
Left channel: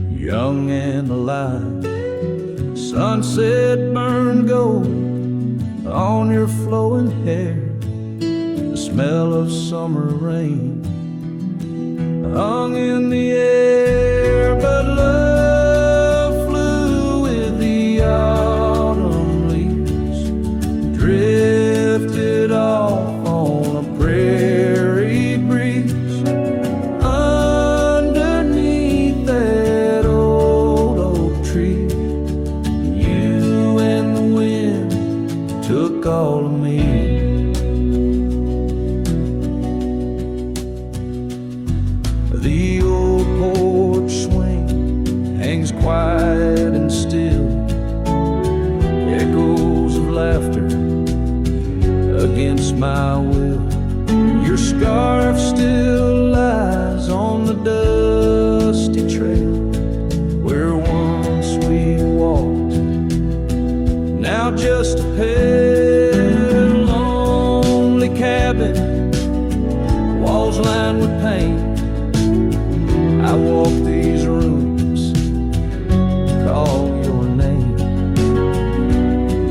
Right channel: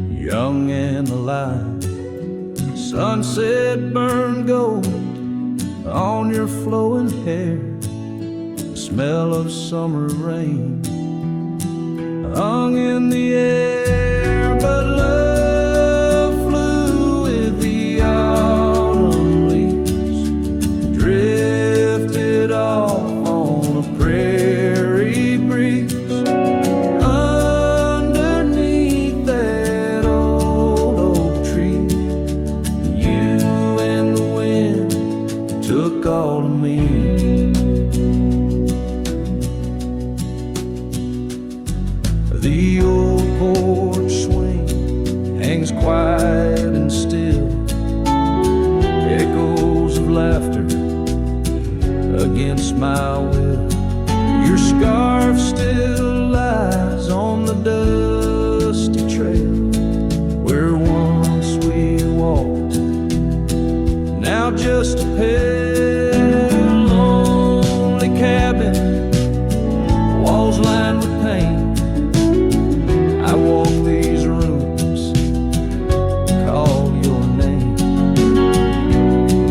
young and alive. Sunset burned gold on your flowing hair, the smell of summer rain hung in the air. But love flew with the autumn leaves, drifted off on a prairie breeze. Underneath that old oak tree, you and the wind took all of me. The old porch swing hangs quiet and still, echoes of laughter against my will. Your scarf still lies on the dusty trail where once we walked, now just a pale, lonely cabin, walls lined with paint. I walk these rooms, call your name.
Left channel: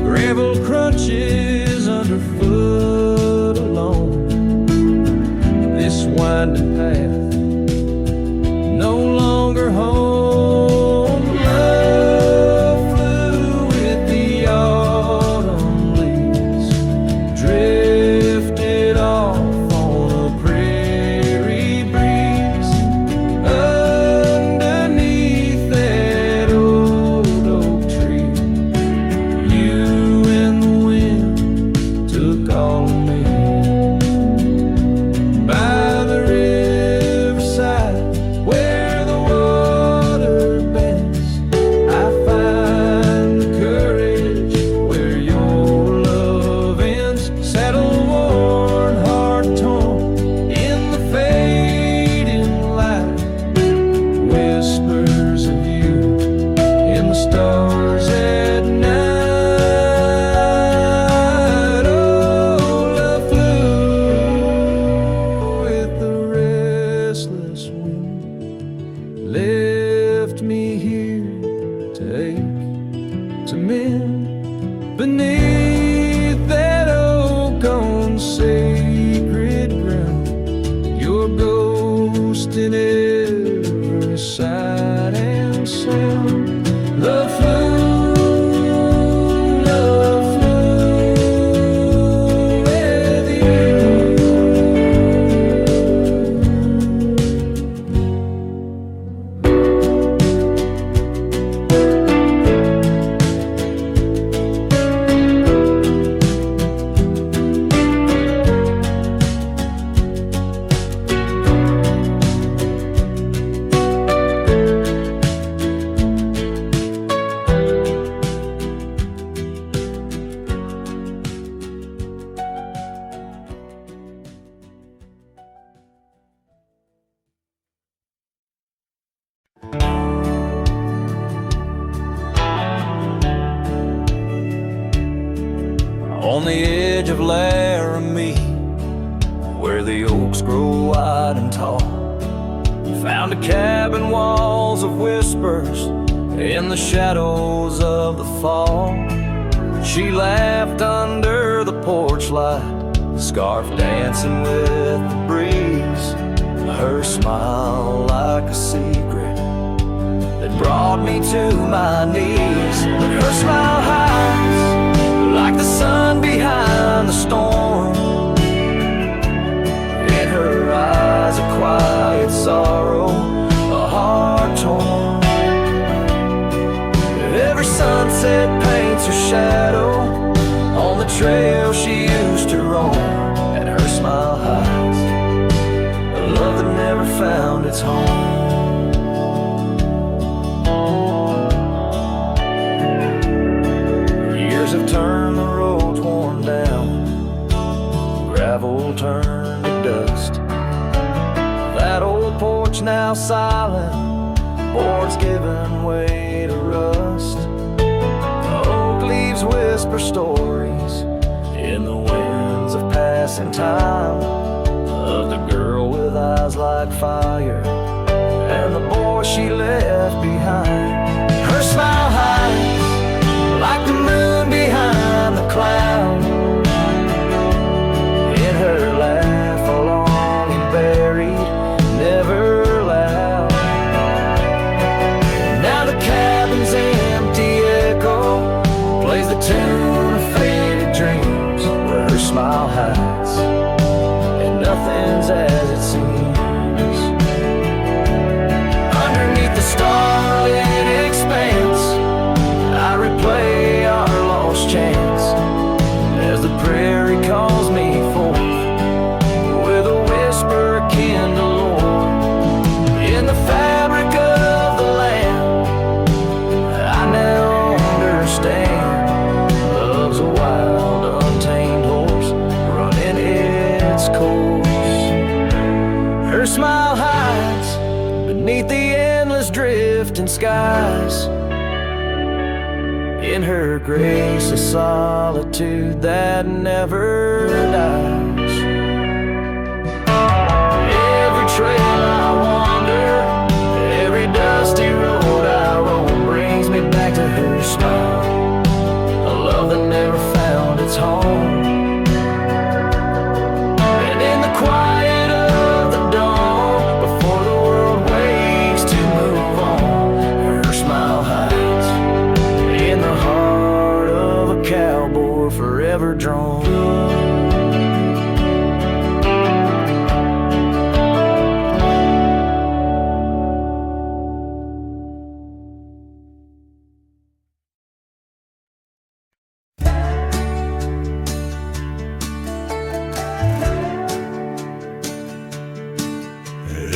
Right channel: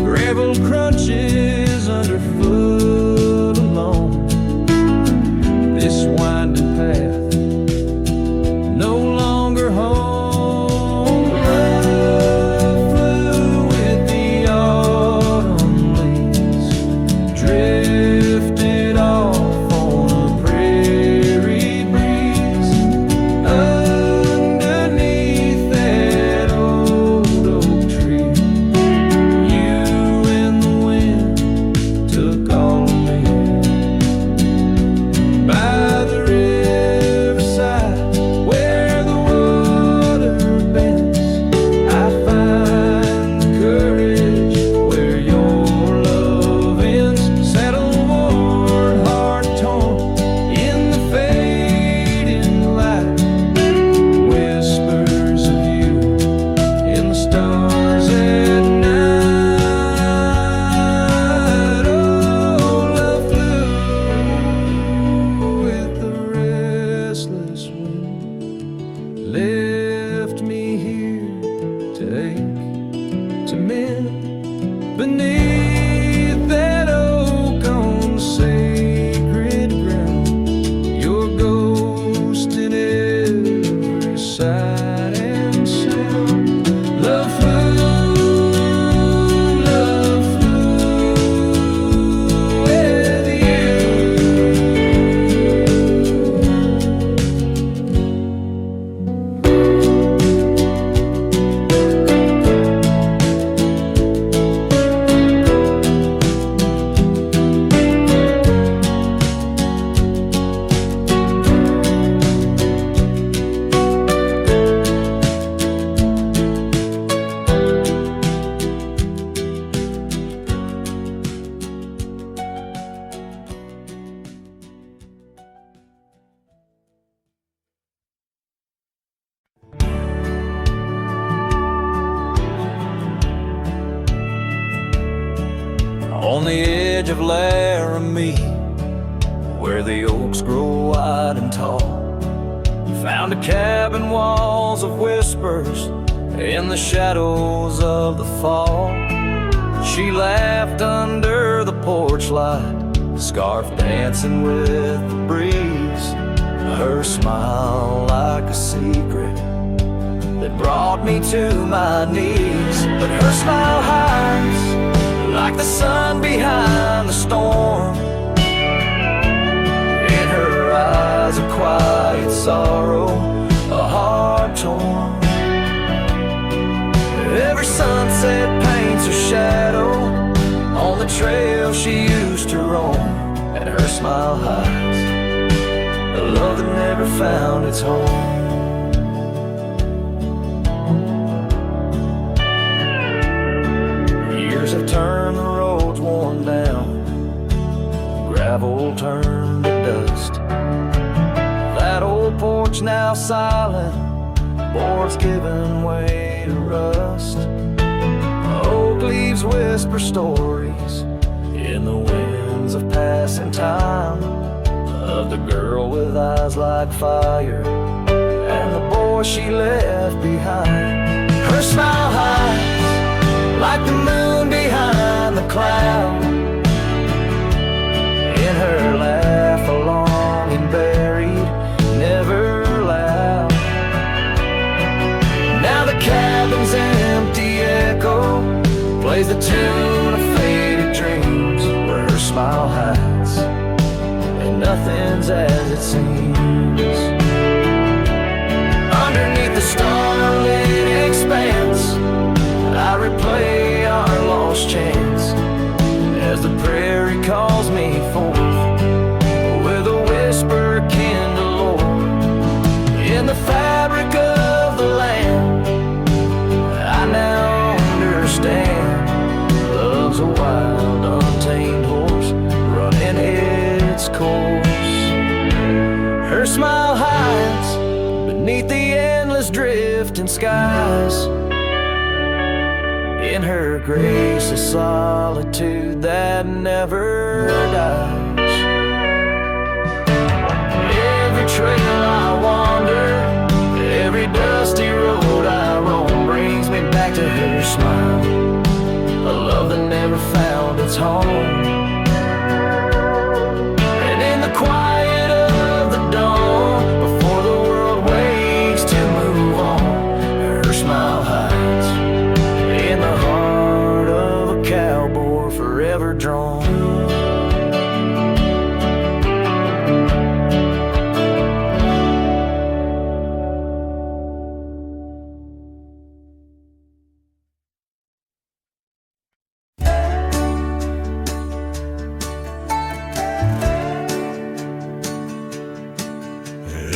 Gravel crunches underfoot alone. This winding path, no longer home. Love flew with the autumn leaves, drifted off on a prairie breeze. Underneath that old oak tree, you and the wind took all of me. By the riverside where the water bends, I find courage where your love ends. Saddle worn, heart torn in the fading light, whispers of you in the stars at night. Wind left me here to ache, to mend beneath that oak on sacred ground. Your ghost in every sight and sound. Love flew with you. On the edge of Laramie, where the oaks grow wide and tall, found a cabin, walls of whispers in the shadows of the fall. She laughed under the porch light, scarf dancing with the breeze, her smile like a secret that brought me to my knees. But her smile hides like the sun behind the storm. In her eyes a quiet sorrow, a heart torn. Every sunset paints her shadow on the trail she used to roam. And her smile hides a love that never found its home. Years have turned the roads worn down, gravel turned to dust. That old porch now silent, boards giving way to rust. Oak dark leaves whisper stories in the winds of passing time, of the girl with eyes like fire and the boy she left behind. Her smile hides like the moon behind the cloud. In her laugh a longing buried, never loud. Now the cabin's empty echo plays the tune of faded dreams, where her smile hides and nothing's as it seems. Underneath the starlit expanse, I replay our lost chance as the prairie calls me forth with a whisper akin to lore. In the fabric of the land, I now understand love's a wild, untamed horse running its course. Her smile hides beneath the endless drifting skies. In her grace a solitude that never dies. Every trail I wander, every dusty road I roam, brings me back to her smile, a love that never found its home. And in the quiet of the dawn, before the world wakes to move on, her smile hides in the heart of a cowboy forever drawn.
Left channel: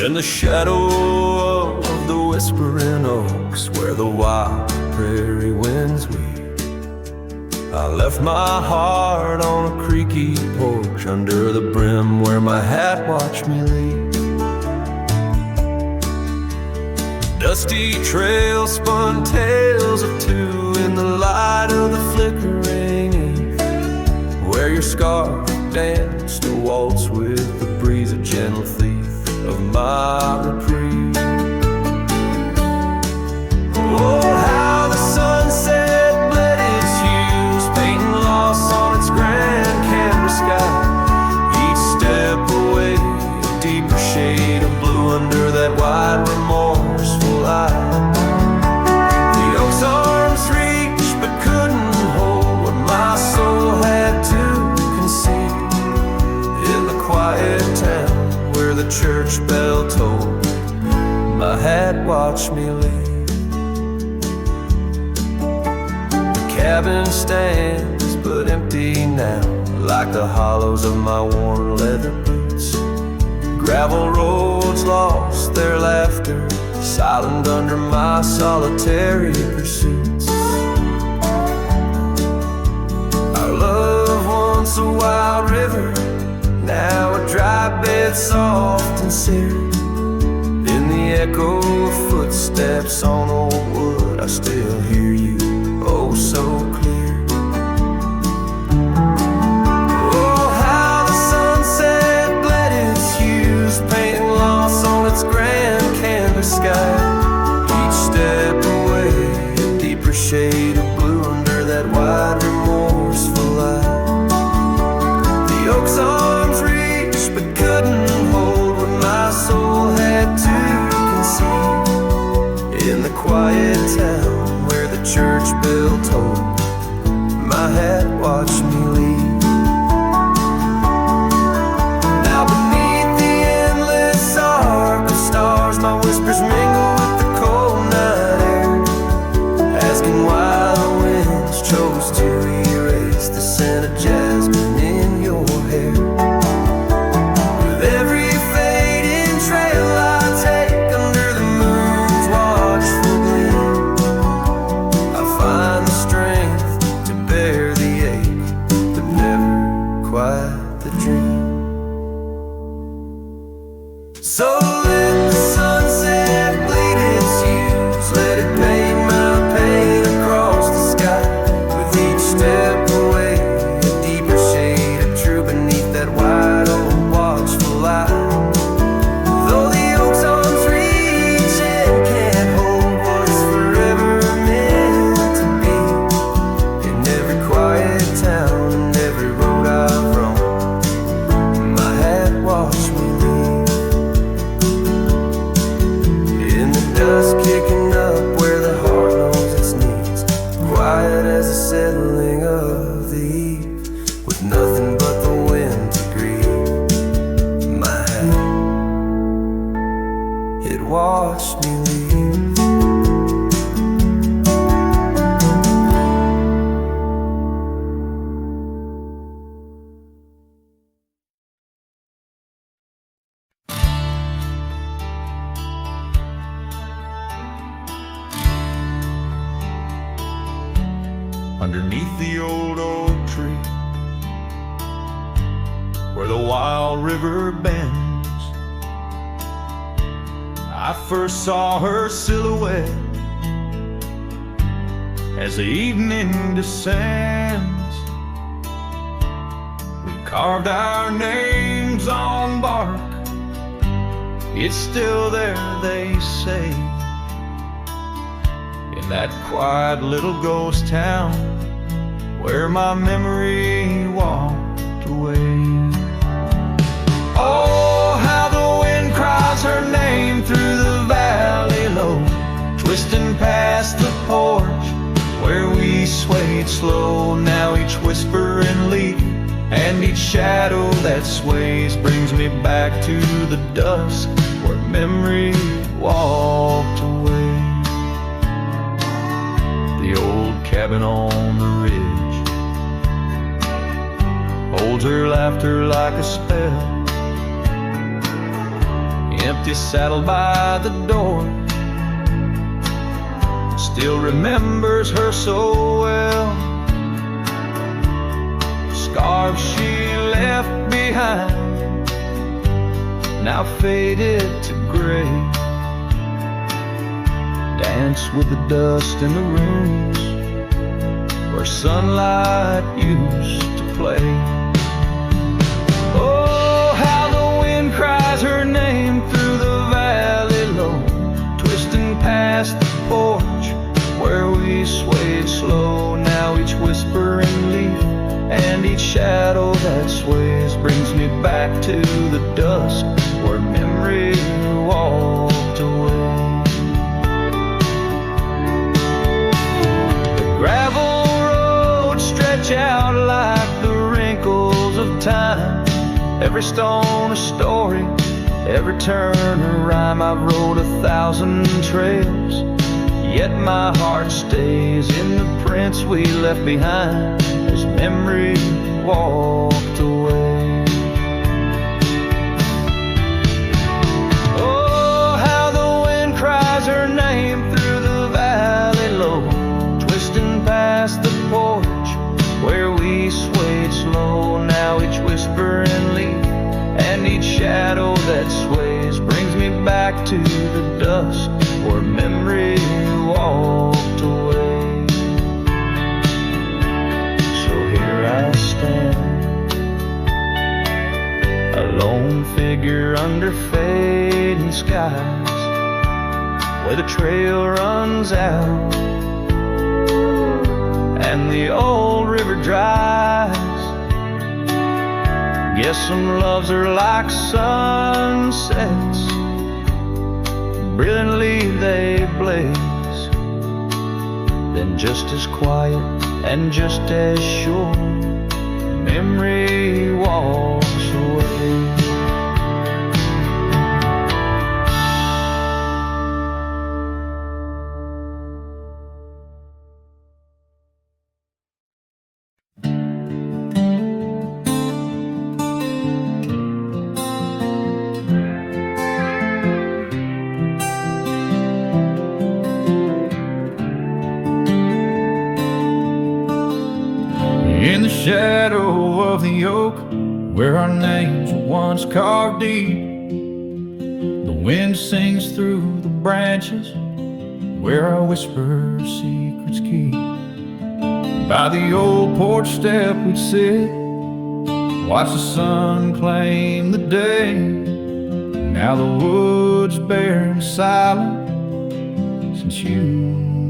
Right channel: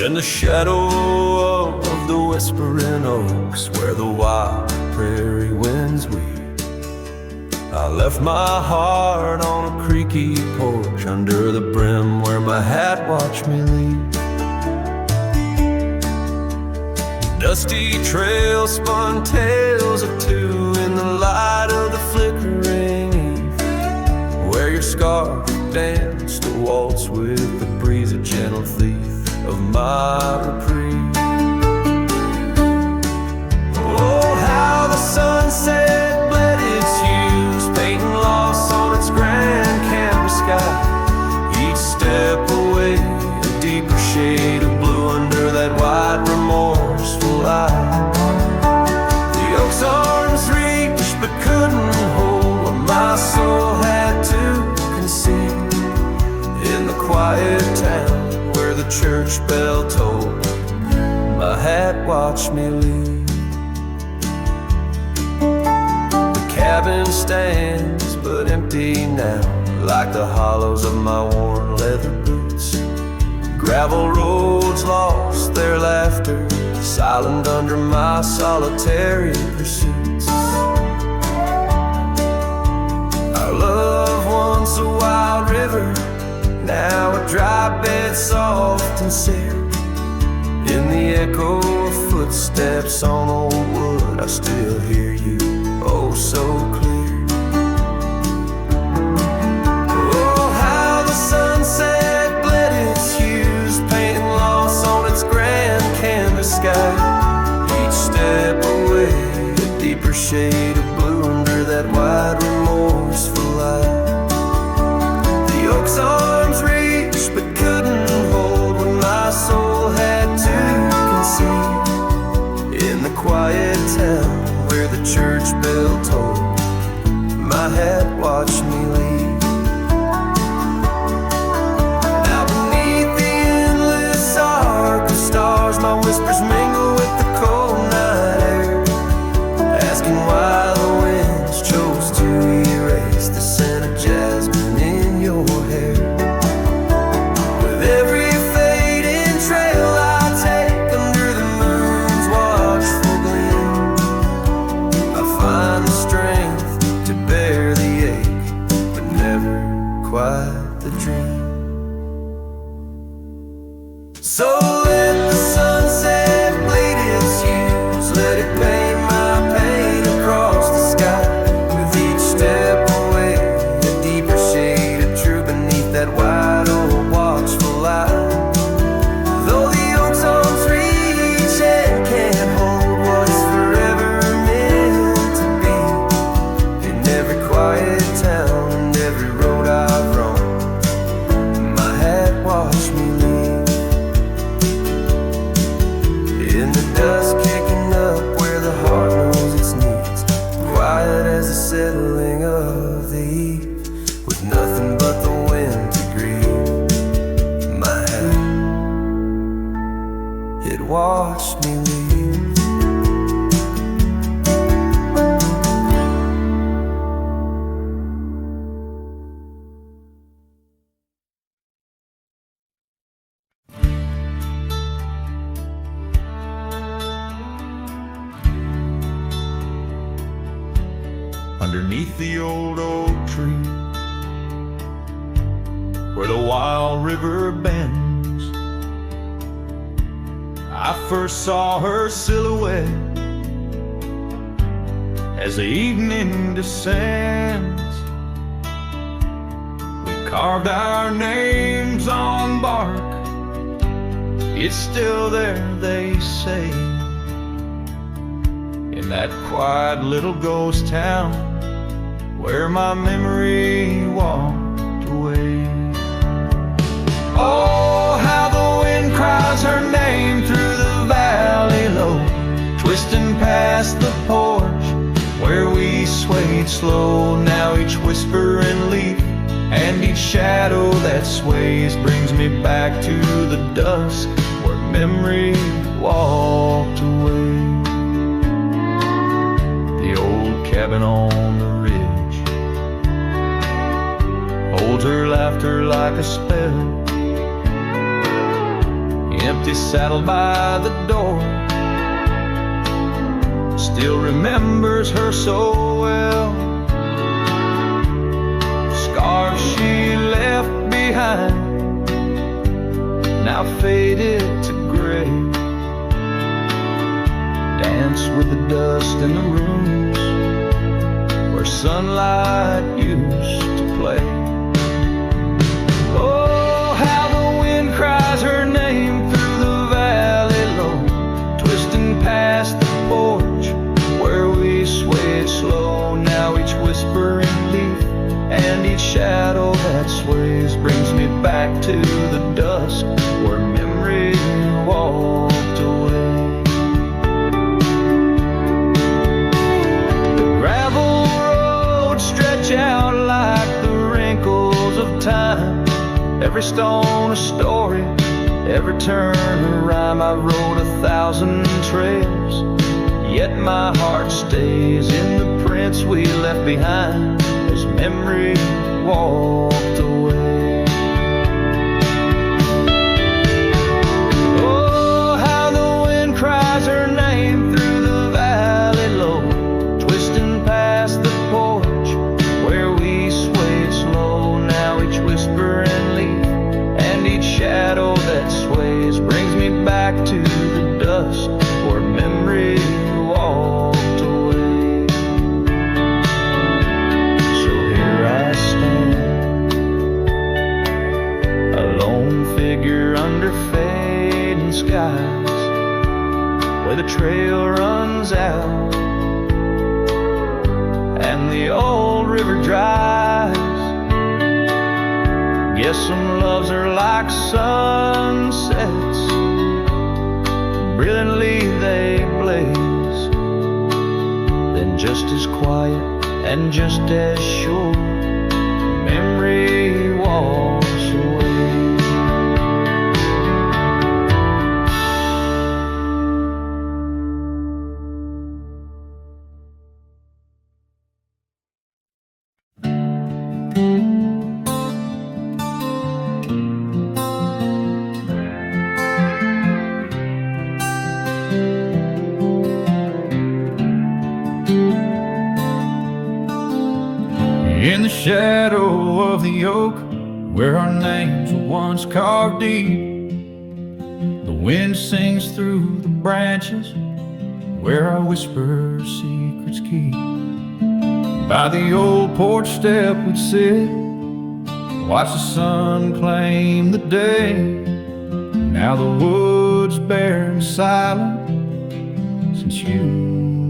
In the shadow of the whispering oaks, where the wild prairie winds weep, I left my heart on a creaky porch under the brim where my hat watched me leave. Dusty trail spun tales of two in the light of the flickering eve, where your scarf danced a waltz with the breeze, a gentle thief of my reprieve. Oh, how the sunset bled its hues, painting loss on its grand canvas sky. Each step away, a deeper shade of blue under that wide, remorseful eye. The oak's arms reached but couldn't hold what my soul had to concede. In the quiet town where the church bell tolled, my hat watched me leave. The cabin stands but empty now, like the hollows of my worn leather boots. Gravel roads lost their laughter, silent under my solitary pursuits. Our love, once a wild river, now a dry bed soft and sere. In the echo of footsteps on old wood, I still hear you, oh so clear. Oh, how the sunset bled its hues, painting loss on its grand canvas sky. Each step away, a deeper shade of blue under that wide, remorseful eye. The oak's arms reached but couldn't hold what my soul had to concede. In the quiet town where the church bell tolled, my hat watched me leave. Now beneath the endless arc of stars, my whispers mingle with the cold night air, asking why the winds chose to erase the scent of jasmine in your hair. With every fading trail I take under the moon's watchful gleam, I find the strength to bear the ache, but never quite the dream. So let the sunset bleed its hues, let it paint my pain across the sky. With that white oak watchful eye. Though the oak's arms reach and can't hold what's forever meant to be, in every quiet town and every road I've roamed, my hat watched me leave. In the dust kicking up where the heart knows its needs, quiet as the settling of the eve, with nothing but the wind to grieve. My hat, it watched me leave. Underneath the old oak tree, where the wild river bends, I first saw her silhouette as the evening descends. We carved our names on bark, it's still there, they say, in that quiet little ghost town where my memory walked away. Oh, how the wind cries her name through the valley low, twisting past the porch where we swayed slow. Now each whisper and leaf and each shadow that sways brings me back to the dusk where memory walked away. The old cabin on the ridge holds her laughter like a spell. Empty saddle by the door still remembers her so well. Scarves she left behind, now faded to gray, dance with the dust in the rooms where sunlight used to play. Oh, how the wind cries her name through the valley low, twisting past the porch where we swayed slow. Now each whispering leaf and each shadow that sways brings me back to the dusk where memory walked away. The gravel roads stretch out like the wrinkles of time, every stone a story, every turn a rhyme. I've rode 1,000 trails, yet my heart stays in the prints we left behind as memory walked away. Oh, how the wind cries her name through the valley low, twisting past the porch where we swayed slow. Now each whisper and leaf and each shadow that sways brings me back to the dusk where memory walked away. So here I stand, a lone figure under fading skies, where the trail runs out and the old river dries. Guess some loves are like sunsets, brilliantly they blaze, then just as quiet and just as sure, memory walks away. In the shadow of the oak, where our names were once carved deep, the wind sings through the branches, where our whisper secrets keep. By the old porch step we'd sit, Watch the sun claim the day. Now the wood's bare and silent since you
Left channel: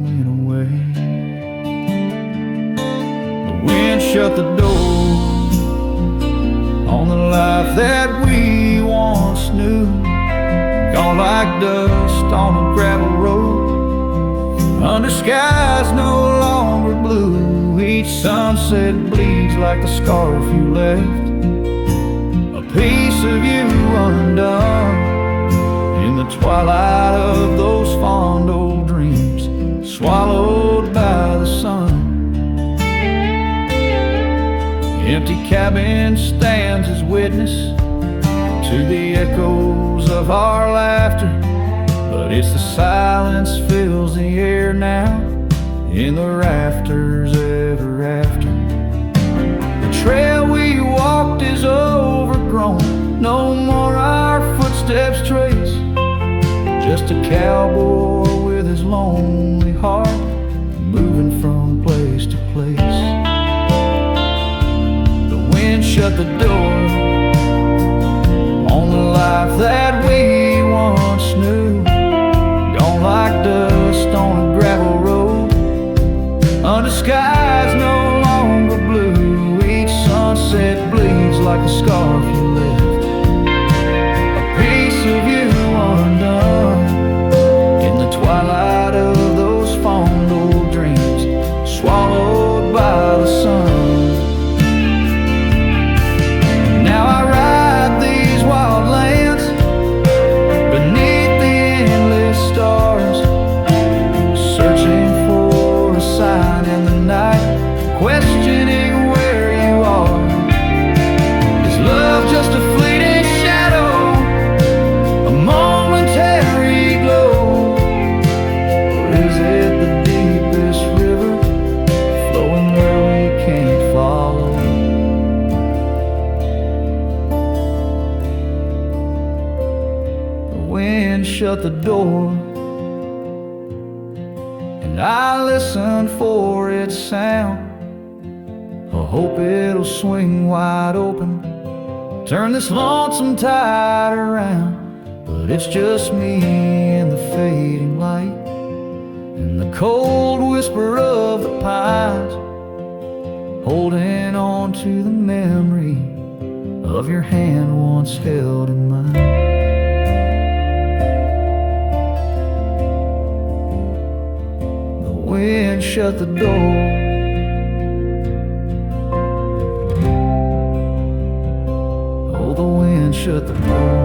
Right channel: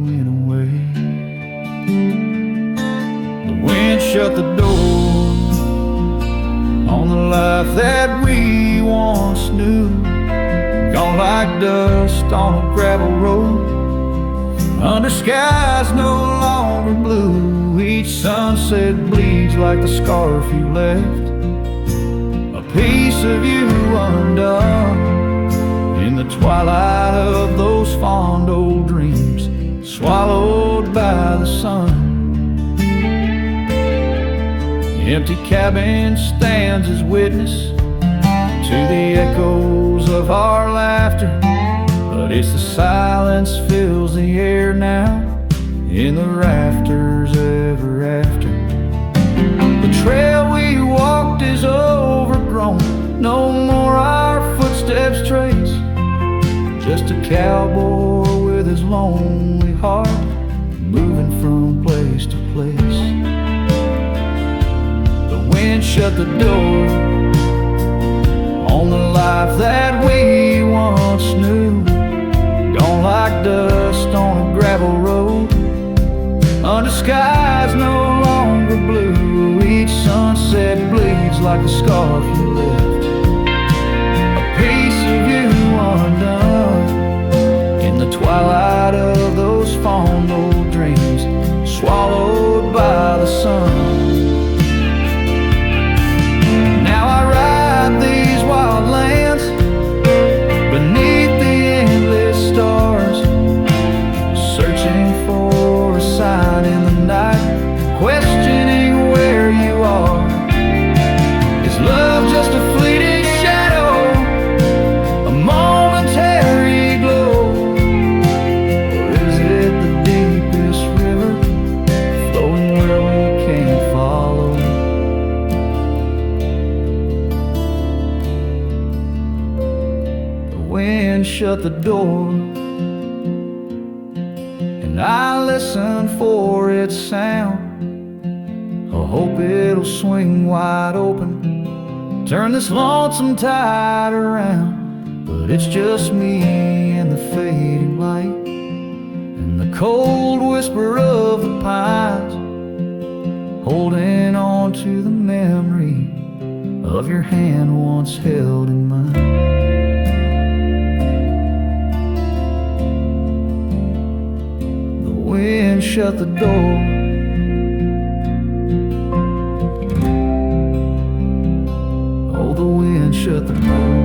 went away. The wind shut the door on the life that we once knew. Gone like dust on a gravel road, under skies no longer blue. Each sunset bleeds like the scarf you left, a piece of you undone in the twilight of those fond old dreams, swallowed by the sun. The empty cabin stands as witness to the echoes of our laughter, but it's the silence fills the air now in the rafters ever after. The trail we walked is overgrown, no more our footsteps trace, just a cowboy with his lonely heart moving from place to place. The wind shut the door on the life that we once knew. Gone like dust on a gravel road, under skies no longer blue. Each sunset bleeds like a scarf you left, a piece of you undone in the twilight of those fond old dreams, swallowed by the sun. Now I ride these wild lands beneath the endless stars, searching for a sign in the night, questioning where you are. Is love just a fleeting shadow, a momentary glow, or is it the deepest river flowing where we can't follow? Wind shut the door, and I listen for its sound. I hope it'll swing wide open, turn this lonesome tide around. But it's just me and the fading light, and the cold whisper of the pines, holding on to the memory of your hand once held in mine. Wind shut the door, oh, the wind shut the door.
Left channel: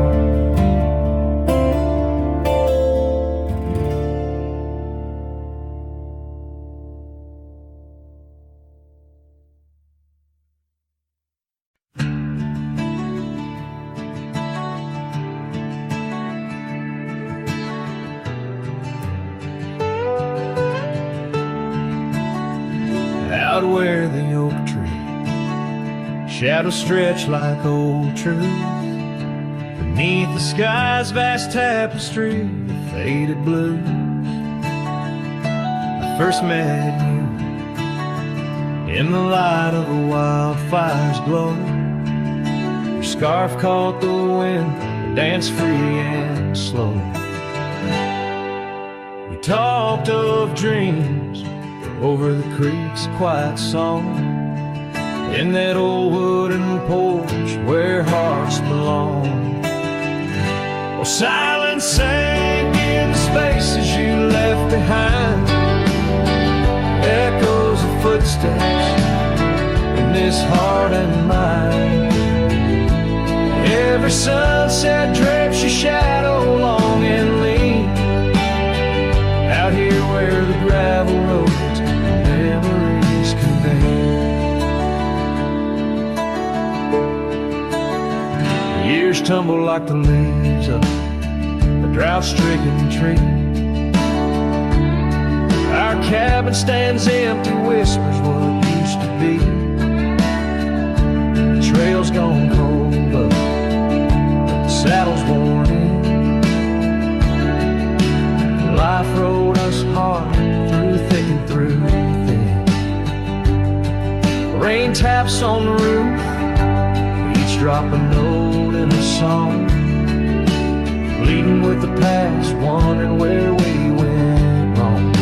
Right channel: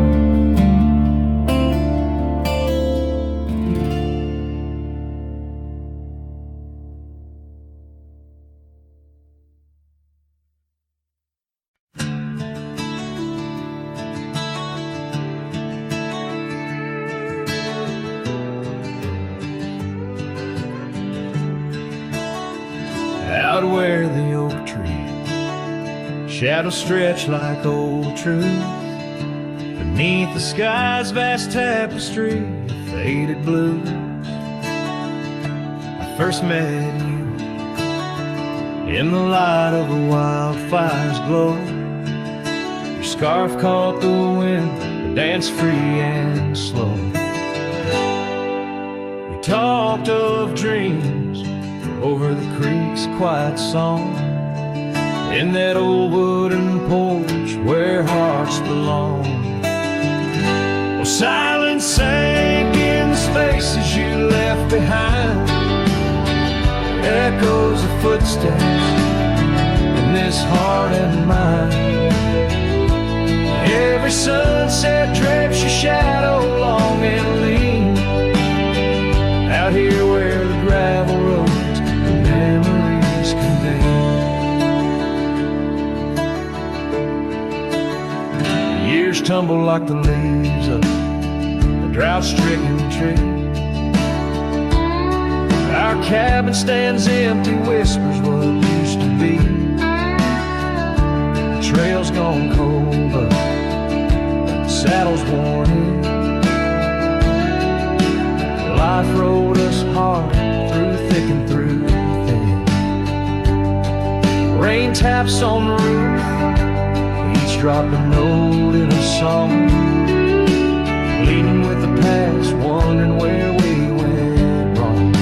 Out where the oak tree shadows stretch like old truth, beneath the sky's vast tapestry of faded blues, I first met you in the light of the wildfire's glow. Your scarf caught the wind, but danced free and slow. We talked of dreams over the creek's quiet song, in that old wooden porch where hearts belong. Oh, silence sank in the spaces you left behind, echoes of footsteps in this heart and mind. Every sunset drapes your shadow long and lean, out here where the gravel roads memories convene. Years tumble like the leaves of a drought-stricken tree. Our cabin stands empty, whispers what used to be. The trail's gone cold, but the saddle's worn in. Life rode us hard, through thick and through thin. Rain taps on the roof, each drop a note in a song, pleading with the past, wondering where we went wrong.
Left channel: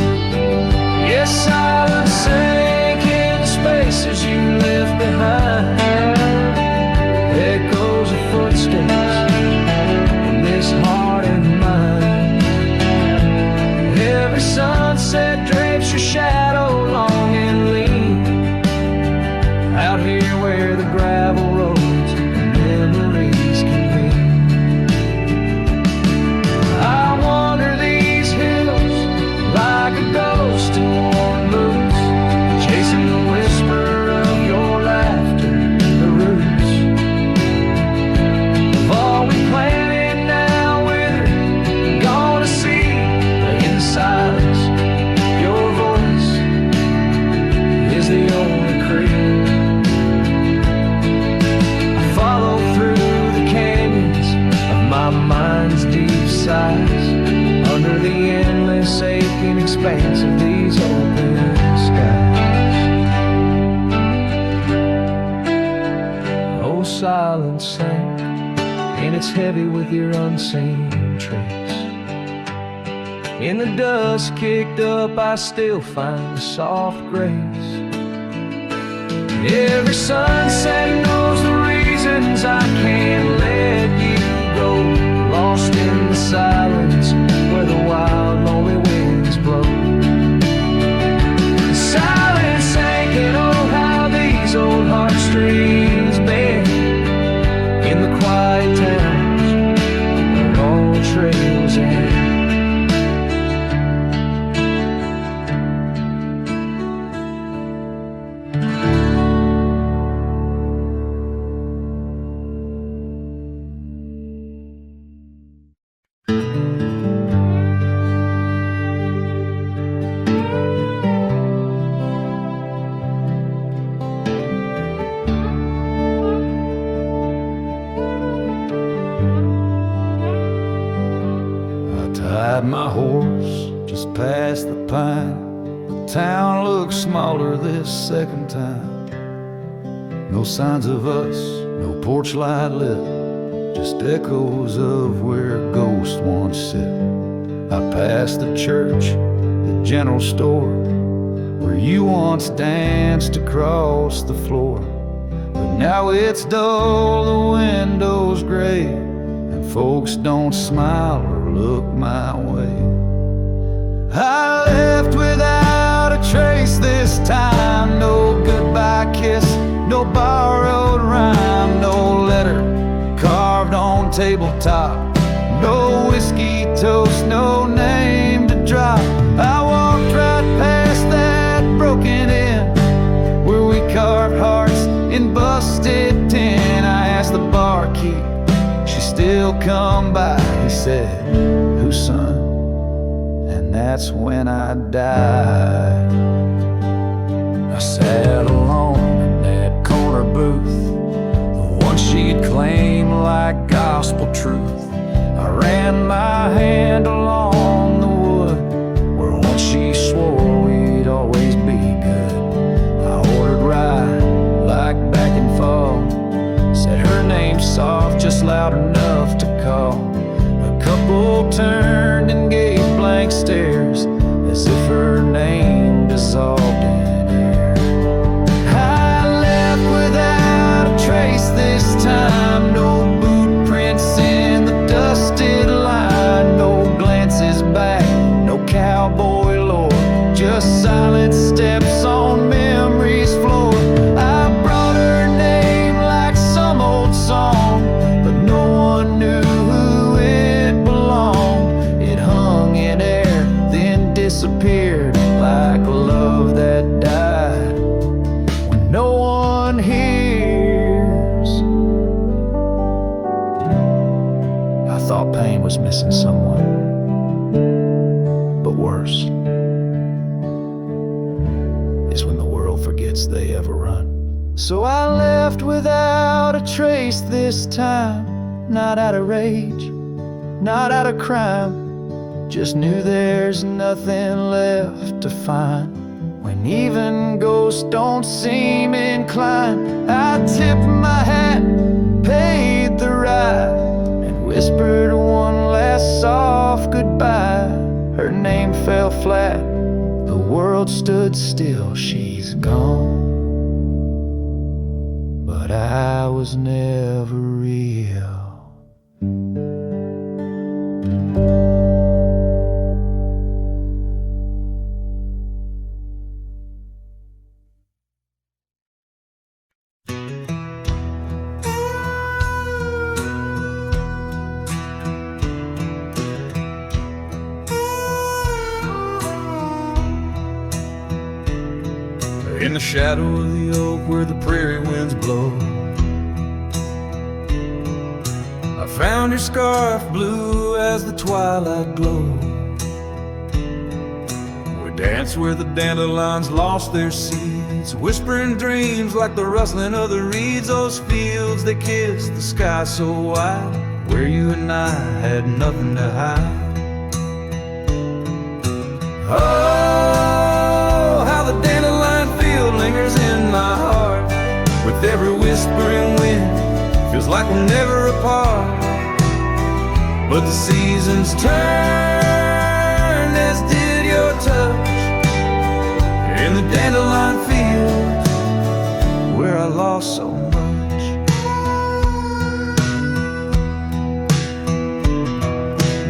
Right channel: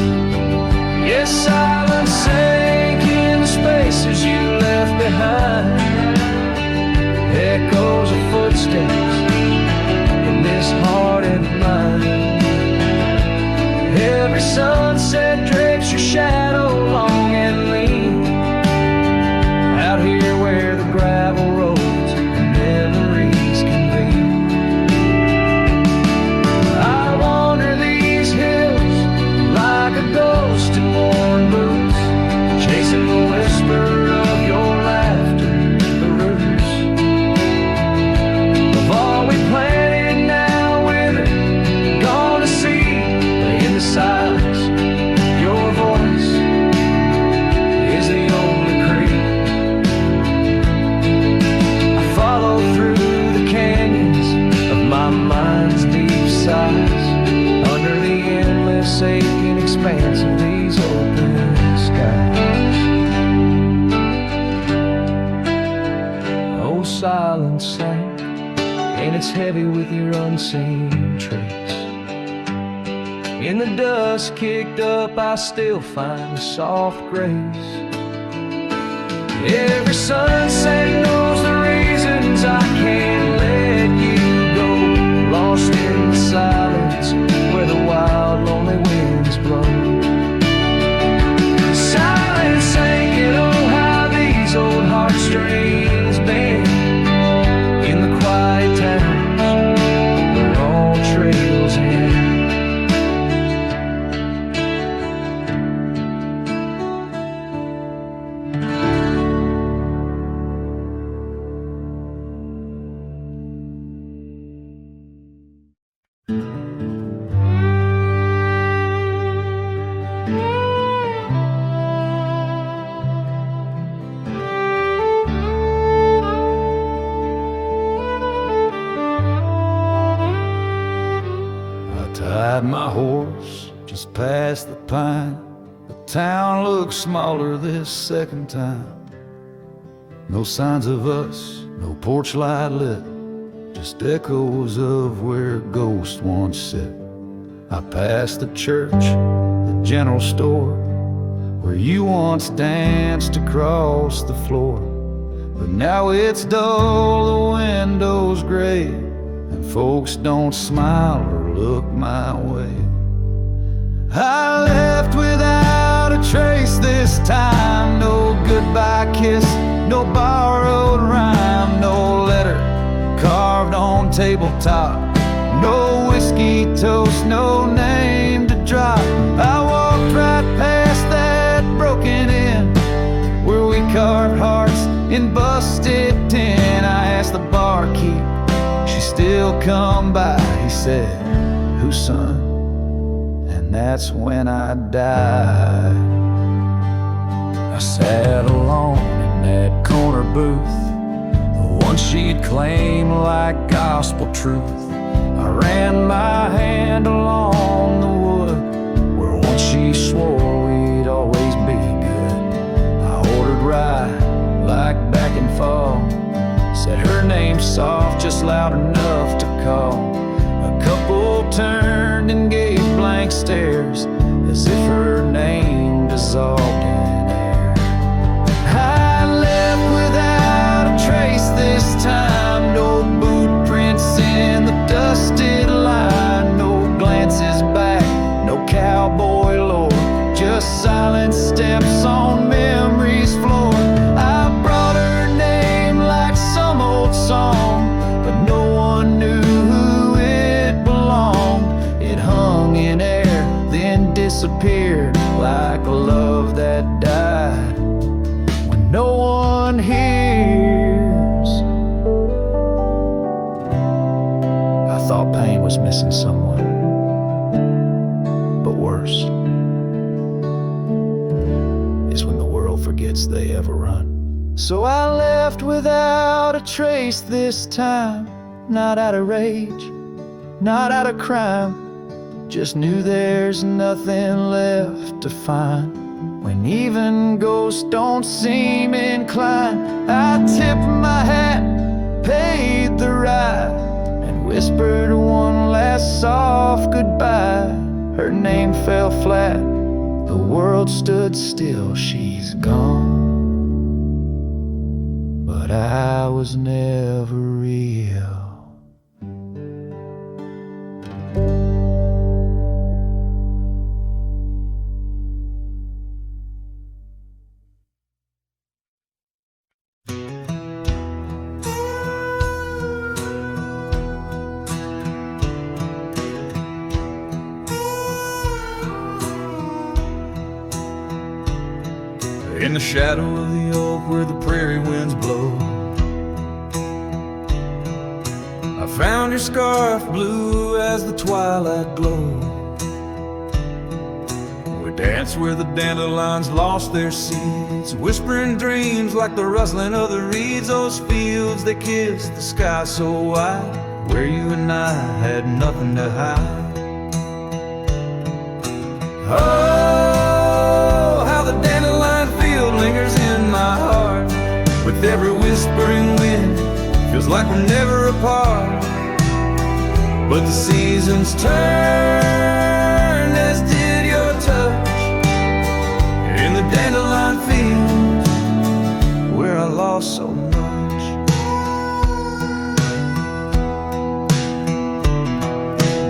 Yes, silence sank in the spaces you left behind, echoes of footsteps in this heart and mind. Every sunset drapes your shadow long and lean, out here where the gravel roads and memories convene. I wander these hills like a ghost in worn boots, chasing the whisper of your laughter, the roots of all we planted now withered, gone to seed. But in the silence, your voice is the only creed. I follow through the canyons of my mind's deep sighs, under the endless aching expanse of these open skies. Oh, silence sank, and it's heavy with your unseen trace. In the dust kicked up, I still find a soft grace. Every sunset knows the reasons I can't let you go, lost in the silence where the wild, lonely winds blow. And silence sank, and oh, how these old heartstrings bend in the quiet towns where all trails end. Tied my horse just past the pine. The town looks smaller this second time. No signs of us, no porch light lit, just echoes of where ghosts once sit. I passed the church, the general store, where you once danced across the floor. But now it's dull, the window's gray, and folks don't smile or look my way. I left without a trace this time. No goodbye kiss, no borrowed rhyme, no letter carved on tabletop, no whiskey toast, no name to drop. I walked right past that broken inn where we carved hearts in busted tin. I asked the barkeep, she still come by. He said, "Whose son?" And that's when I died. I sat alone in that corner booth, the one she'd claim like gospel truth. I ran my hand along the wood where once she swore we'd always be good. I ordered rye like back in fall, said her name soft, just loud enough to call. A couple turned and gave blank stares as if her name dissolved in air. I left without a trace this time. No boot prints in the dusted line, no glances back, no cowboy lore, just silent steps on memory's floor. I brought her name like some old song, but no one knew who it belonged. It hung in air, then disappeared like a love that died when no one hears. I thought pain was missing someone, but worse is when the world forgets they ever run. So I left without a trace this time, not out of rage, not out of crime, just knew there's nothing left to find. When even ghosts don't seem inclined, I tip my hat paid the ride, and whispered one last soft goodbye. Her name fell flat, the world stood still, she's gone. But I was never real. In the shadow of the oak where the prairie winds blow, I found your scarf blue as the twilight glowed. We danced where the dandelions lost their seeds, whispering dreams like the rustling of the reeds. Those fields, they kissed the sky so wide, where you and I had nothing to hide. Oh, how the dandelion field lingers in my heart. With every whispering wind, feels like we're never apart. But the seasons turned, as did your touch, in the dandelion fields where I lost so much.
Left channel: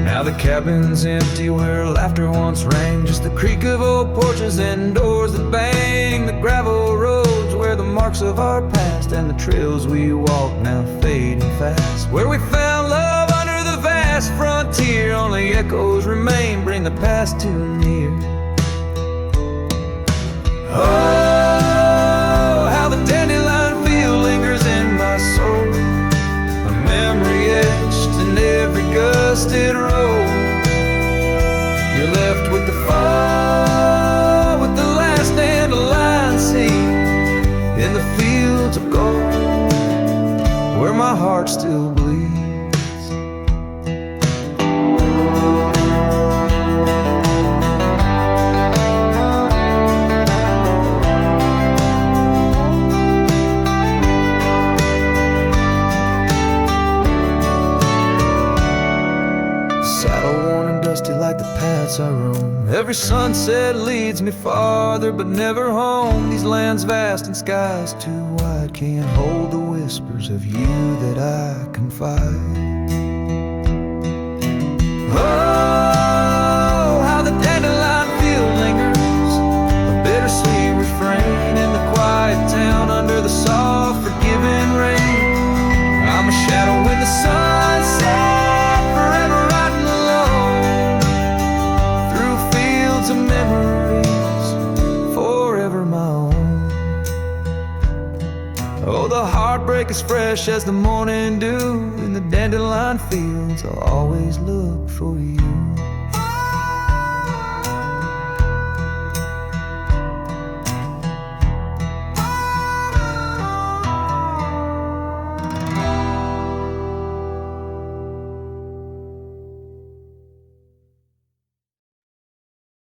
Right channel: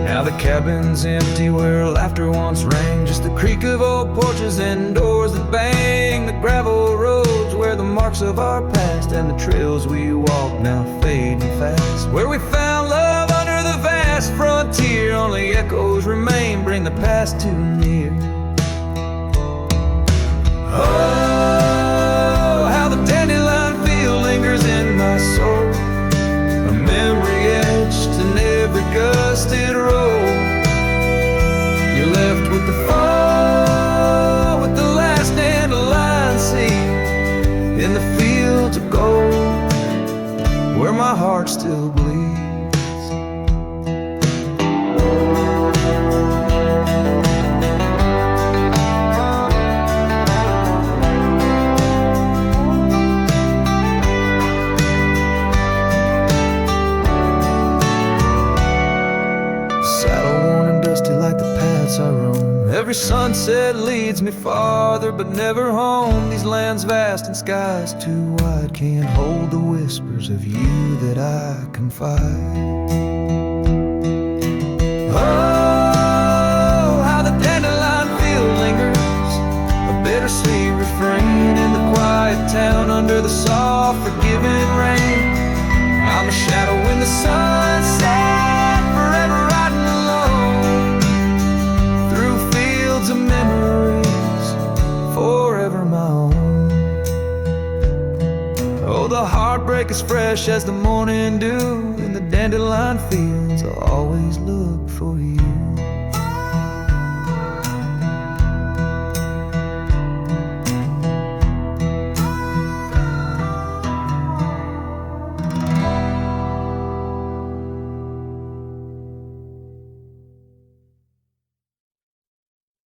Now the cabin's empty where laughter once rang, just the creak of old porches and doors that bang. The gravel roads where the marks of our past, and the trails we walk now fading fast. Where we found love under the vast frontier, only echoes remain, bring the past too near. Oh, how the dandelion field lingers in my soul, a memory etched in every gusted road. You're left with the fall, with the last dandelion seed, in the fields of gold, where my heart still bleeds. Like the paths I roam, every sunset leads me farther, but never home. These lands vast and skies too wide can't hold the whispers of you that I confide. Oh, how the dandelion field lingers, a bittersweet refrain in the quiet town under the soft forgiving rain. I'm a shadow in the sunset, forever riding alone through fields of memories, forever my own. Oh, the heartbreak is fresh as the morning dew, in the dandelion fields I'll always look for you.